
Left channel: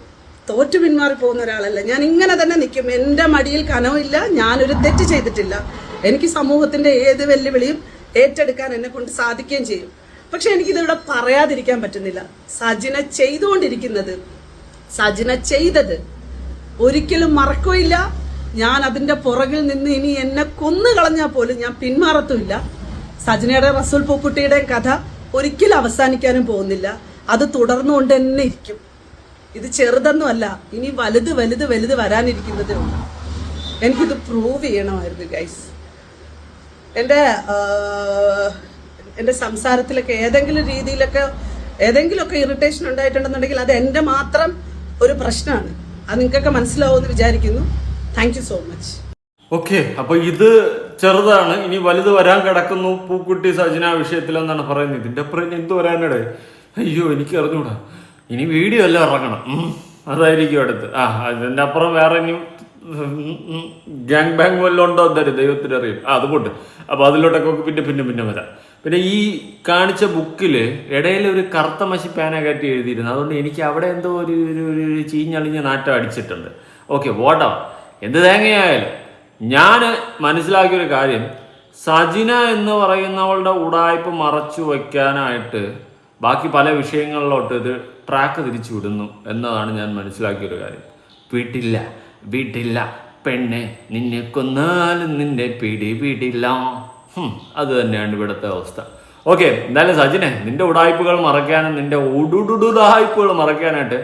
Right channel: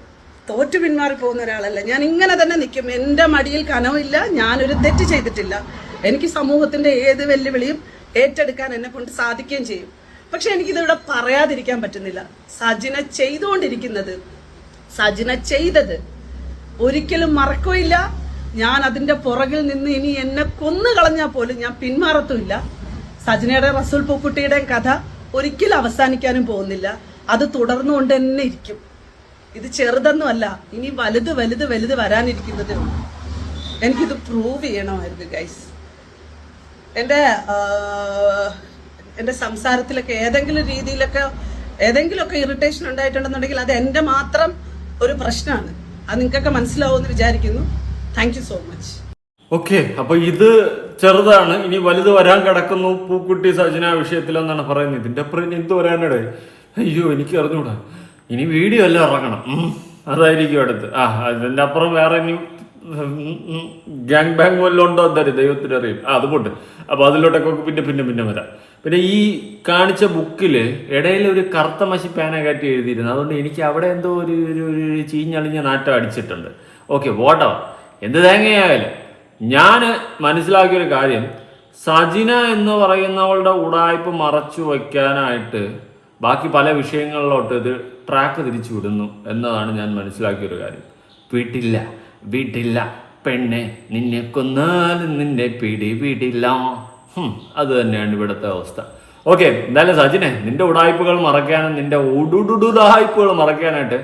തോറ്റു പിന്മാറി പോകുന്ന ഒരാളല്ല. ഞാൻ ഇങ്ങനെ തന്നെ നിൽക്കും. എന്റെ മടിയിൽ കനവില്ല. ഞാനൊരു തെറ്റ് ചെയ്തിട്ടില്ല. എനിക്ക് സമൂഹത്തിന്റെ ഏത് വെല്ലുവിളിയും ഏറ്റെടുക്കാൻ എന്നെ കൊണ്ട് സാധിക്കുകയും ചെയ്യും. പക്ഷെ എനിക്കിതിവിടെ പറയാതിരിക്കാൻ പറ്റുന്നില്ല. സജന ചെയ്തത് ഒരിക്കലും മറക്കുകയില്ല. ഞാൻ അതിന്റെ പുറകിൽ നിന്ന് ഇനി എന്നെ കൊന്നു കളഞ്ഞാൽ പോലും ഞാൻ പിന്മാറത്തുമില്ല. സജനയുടെ റസൂൽ പൂക്കുട്ടിയുടെയും കഥ ഒരിക്കലും അവസാനിക്കാനും പോകുന്നില്ല. അത് തുടർന്നുകൊണ്ട് തന്നെ ഇരിക്കും. ഇത് ചെറുതൊന്നുമല്ല, ഇനി വലുത് വരാനിരിക്കുന്നതേ ഉള്ളൂ. എനിക്കിത് പ്രൂവ് ചെയ്യണമായിരുന്നു ഗൈസ്. എന്റെ സംസാരത്തിലൊക്കെ ഏതെങ്കിലുമൊക്കെ ഇറിറ്റേഷൻ ഉണ്ടായിട്ടുണ്ടെന്നുണ്ടെങ്കിൽ അത് എന്റെ മാത്രം ഒരു പ്രശ്നമാണ്. അത് നിങ്ങൾക്കൊക്കെ മനസ്സിലാവുമെന്ന് വിചാരിക്കുന്നു. Thank you so much. Okay, അപ്പൊ ഇത് ചെറുതാണ്, ഇനി വലുത് വരാൻ കിടക്കുന്നു പൂക്കുട്ടി സജന വിഷയത്തിലെന്നാണ് പറയുന്നത്. ഇതിന്റെ അപ്പുറം എന്ത് വരാനിടേ? അയ്യോ, എനിക്ക് അറിഞ്ഞൂടാ. ഇനി വീഡിയോ എല്ലാം ഇറങ്ങണം, അതായിരിക്കും അടുത്ത്. അതിന്റെ അപ്പുറം വേറെ ഇനി ഗ്യാങ് ബാങ് വല്ലതും ഉണ്ടോ എന്തായാലും ദൈവത്തിന് അറിയും. അത് പോട്ട്. അപ്പൊ അതിലോട്ടൊക്കെ പിന്നെ വരാം. പിന്നെ ഈ കാണിച്ച ബുക്കില് ഇടയിൽ ഒരു കറുത്ത മഷി പേന കാറ്റി എഴുതിയിരുന്നു. അതുകൊണ്ട് എനിക്ക് അവിടെ എന്തോ ഒരു ചീഞ്ഞളിഞ്ഞ നാറ്റം അടിച്ചിട്ടുണ്ട്. ഓക്കെ, വോട്ടവ എന്ത് തേങ്ങയായാലും ഞാൻ മനസ്സിലാക്കിയൊരു കാര്യം, സജിന എന്ന് പറയുന്നവളുടെ ഉടായ്പ് മറച്ചു വയ്ക്കാനായിട്ട് ബാക്കി പല വിഷയങ്ങളിലോട്ട് ഇത് ട്രാക്ക് തിരിച്ചു വിടുന്നു എന്നതാണ് ഞാൻ മനസ്സിലാക്കിയൊരു കാര്യം. വീട്ടില്ല പെണ്ണെ, നിന്നെ കൊന്നാലും നിന്റെ പിടിയില്ല. അത് തന്നെയാണ് ഇവിടുത്തെ അവസ്ഥ. ഓക്കെ, എന്തായാലും സജിനെ, നിന്റെ ഉടായ്പകൾ മറയ്ക്കാനും നിന്റെ ഉടായ്പകൾ മറയ്ക്കാനായിട്ട്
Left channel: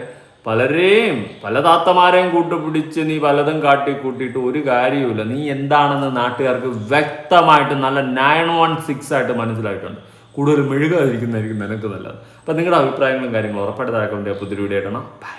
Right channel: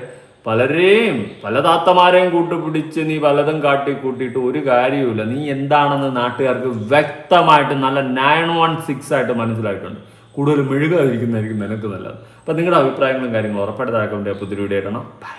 പല താത്തമാരെയും കൂട്ടുപിടിച്ച് നീ പലതും കാട്ടിക്കൂട്ടിയിട്ട് ഒരു കാര്യവുമില്ല. നീ എന്താണെന്ന് നാട്ടുകാർക്ക് വ്യക്തമായിട്ട് നല്ല 916 ആയിട്ട് മനസ്സിലായിട്ടുണ്ട്. കൂടുതൽ മെഴുകാതിരിക്കുന്നതായിരിക്കും നിനക്ക് നല്ലത്. അപ്പം നിങ്ങളുടെ അഭിപ്രായങ്ങളും കാര്യങ്ങളും ഉറപ്പായിട്ട് താഴെ പുതിയ വീഡിയോ ആയിട്ടാണ്. ബൈ.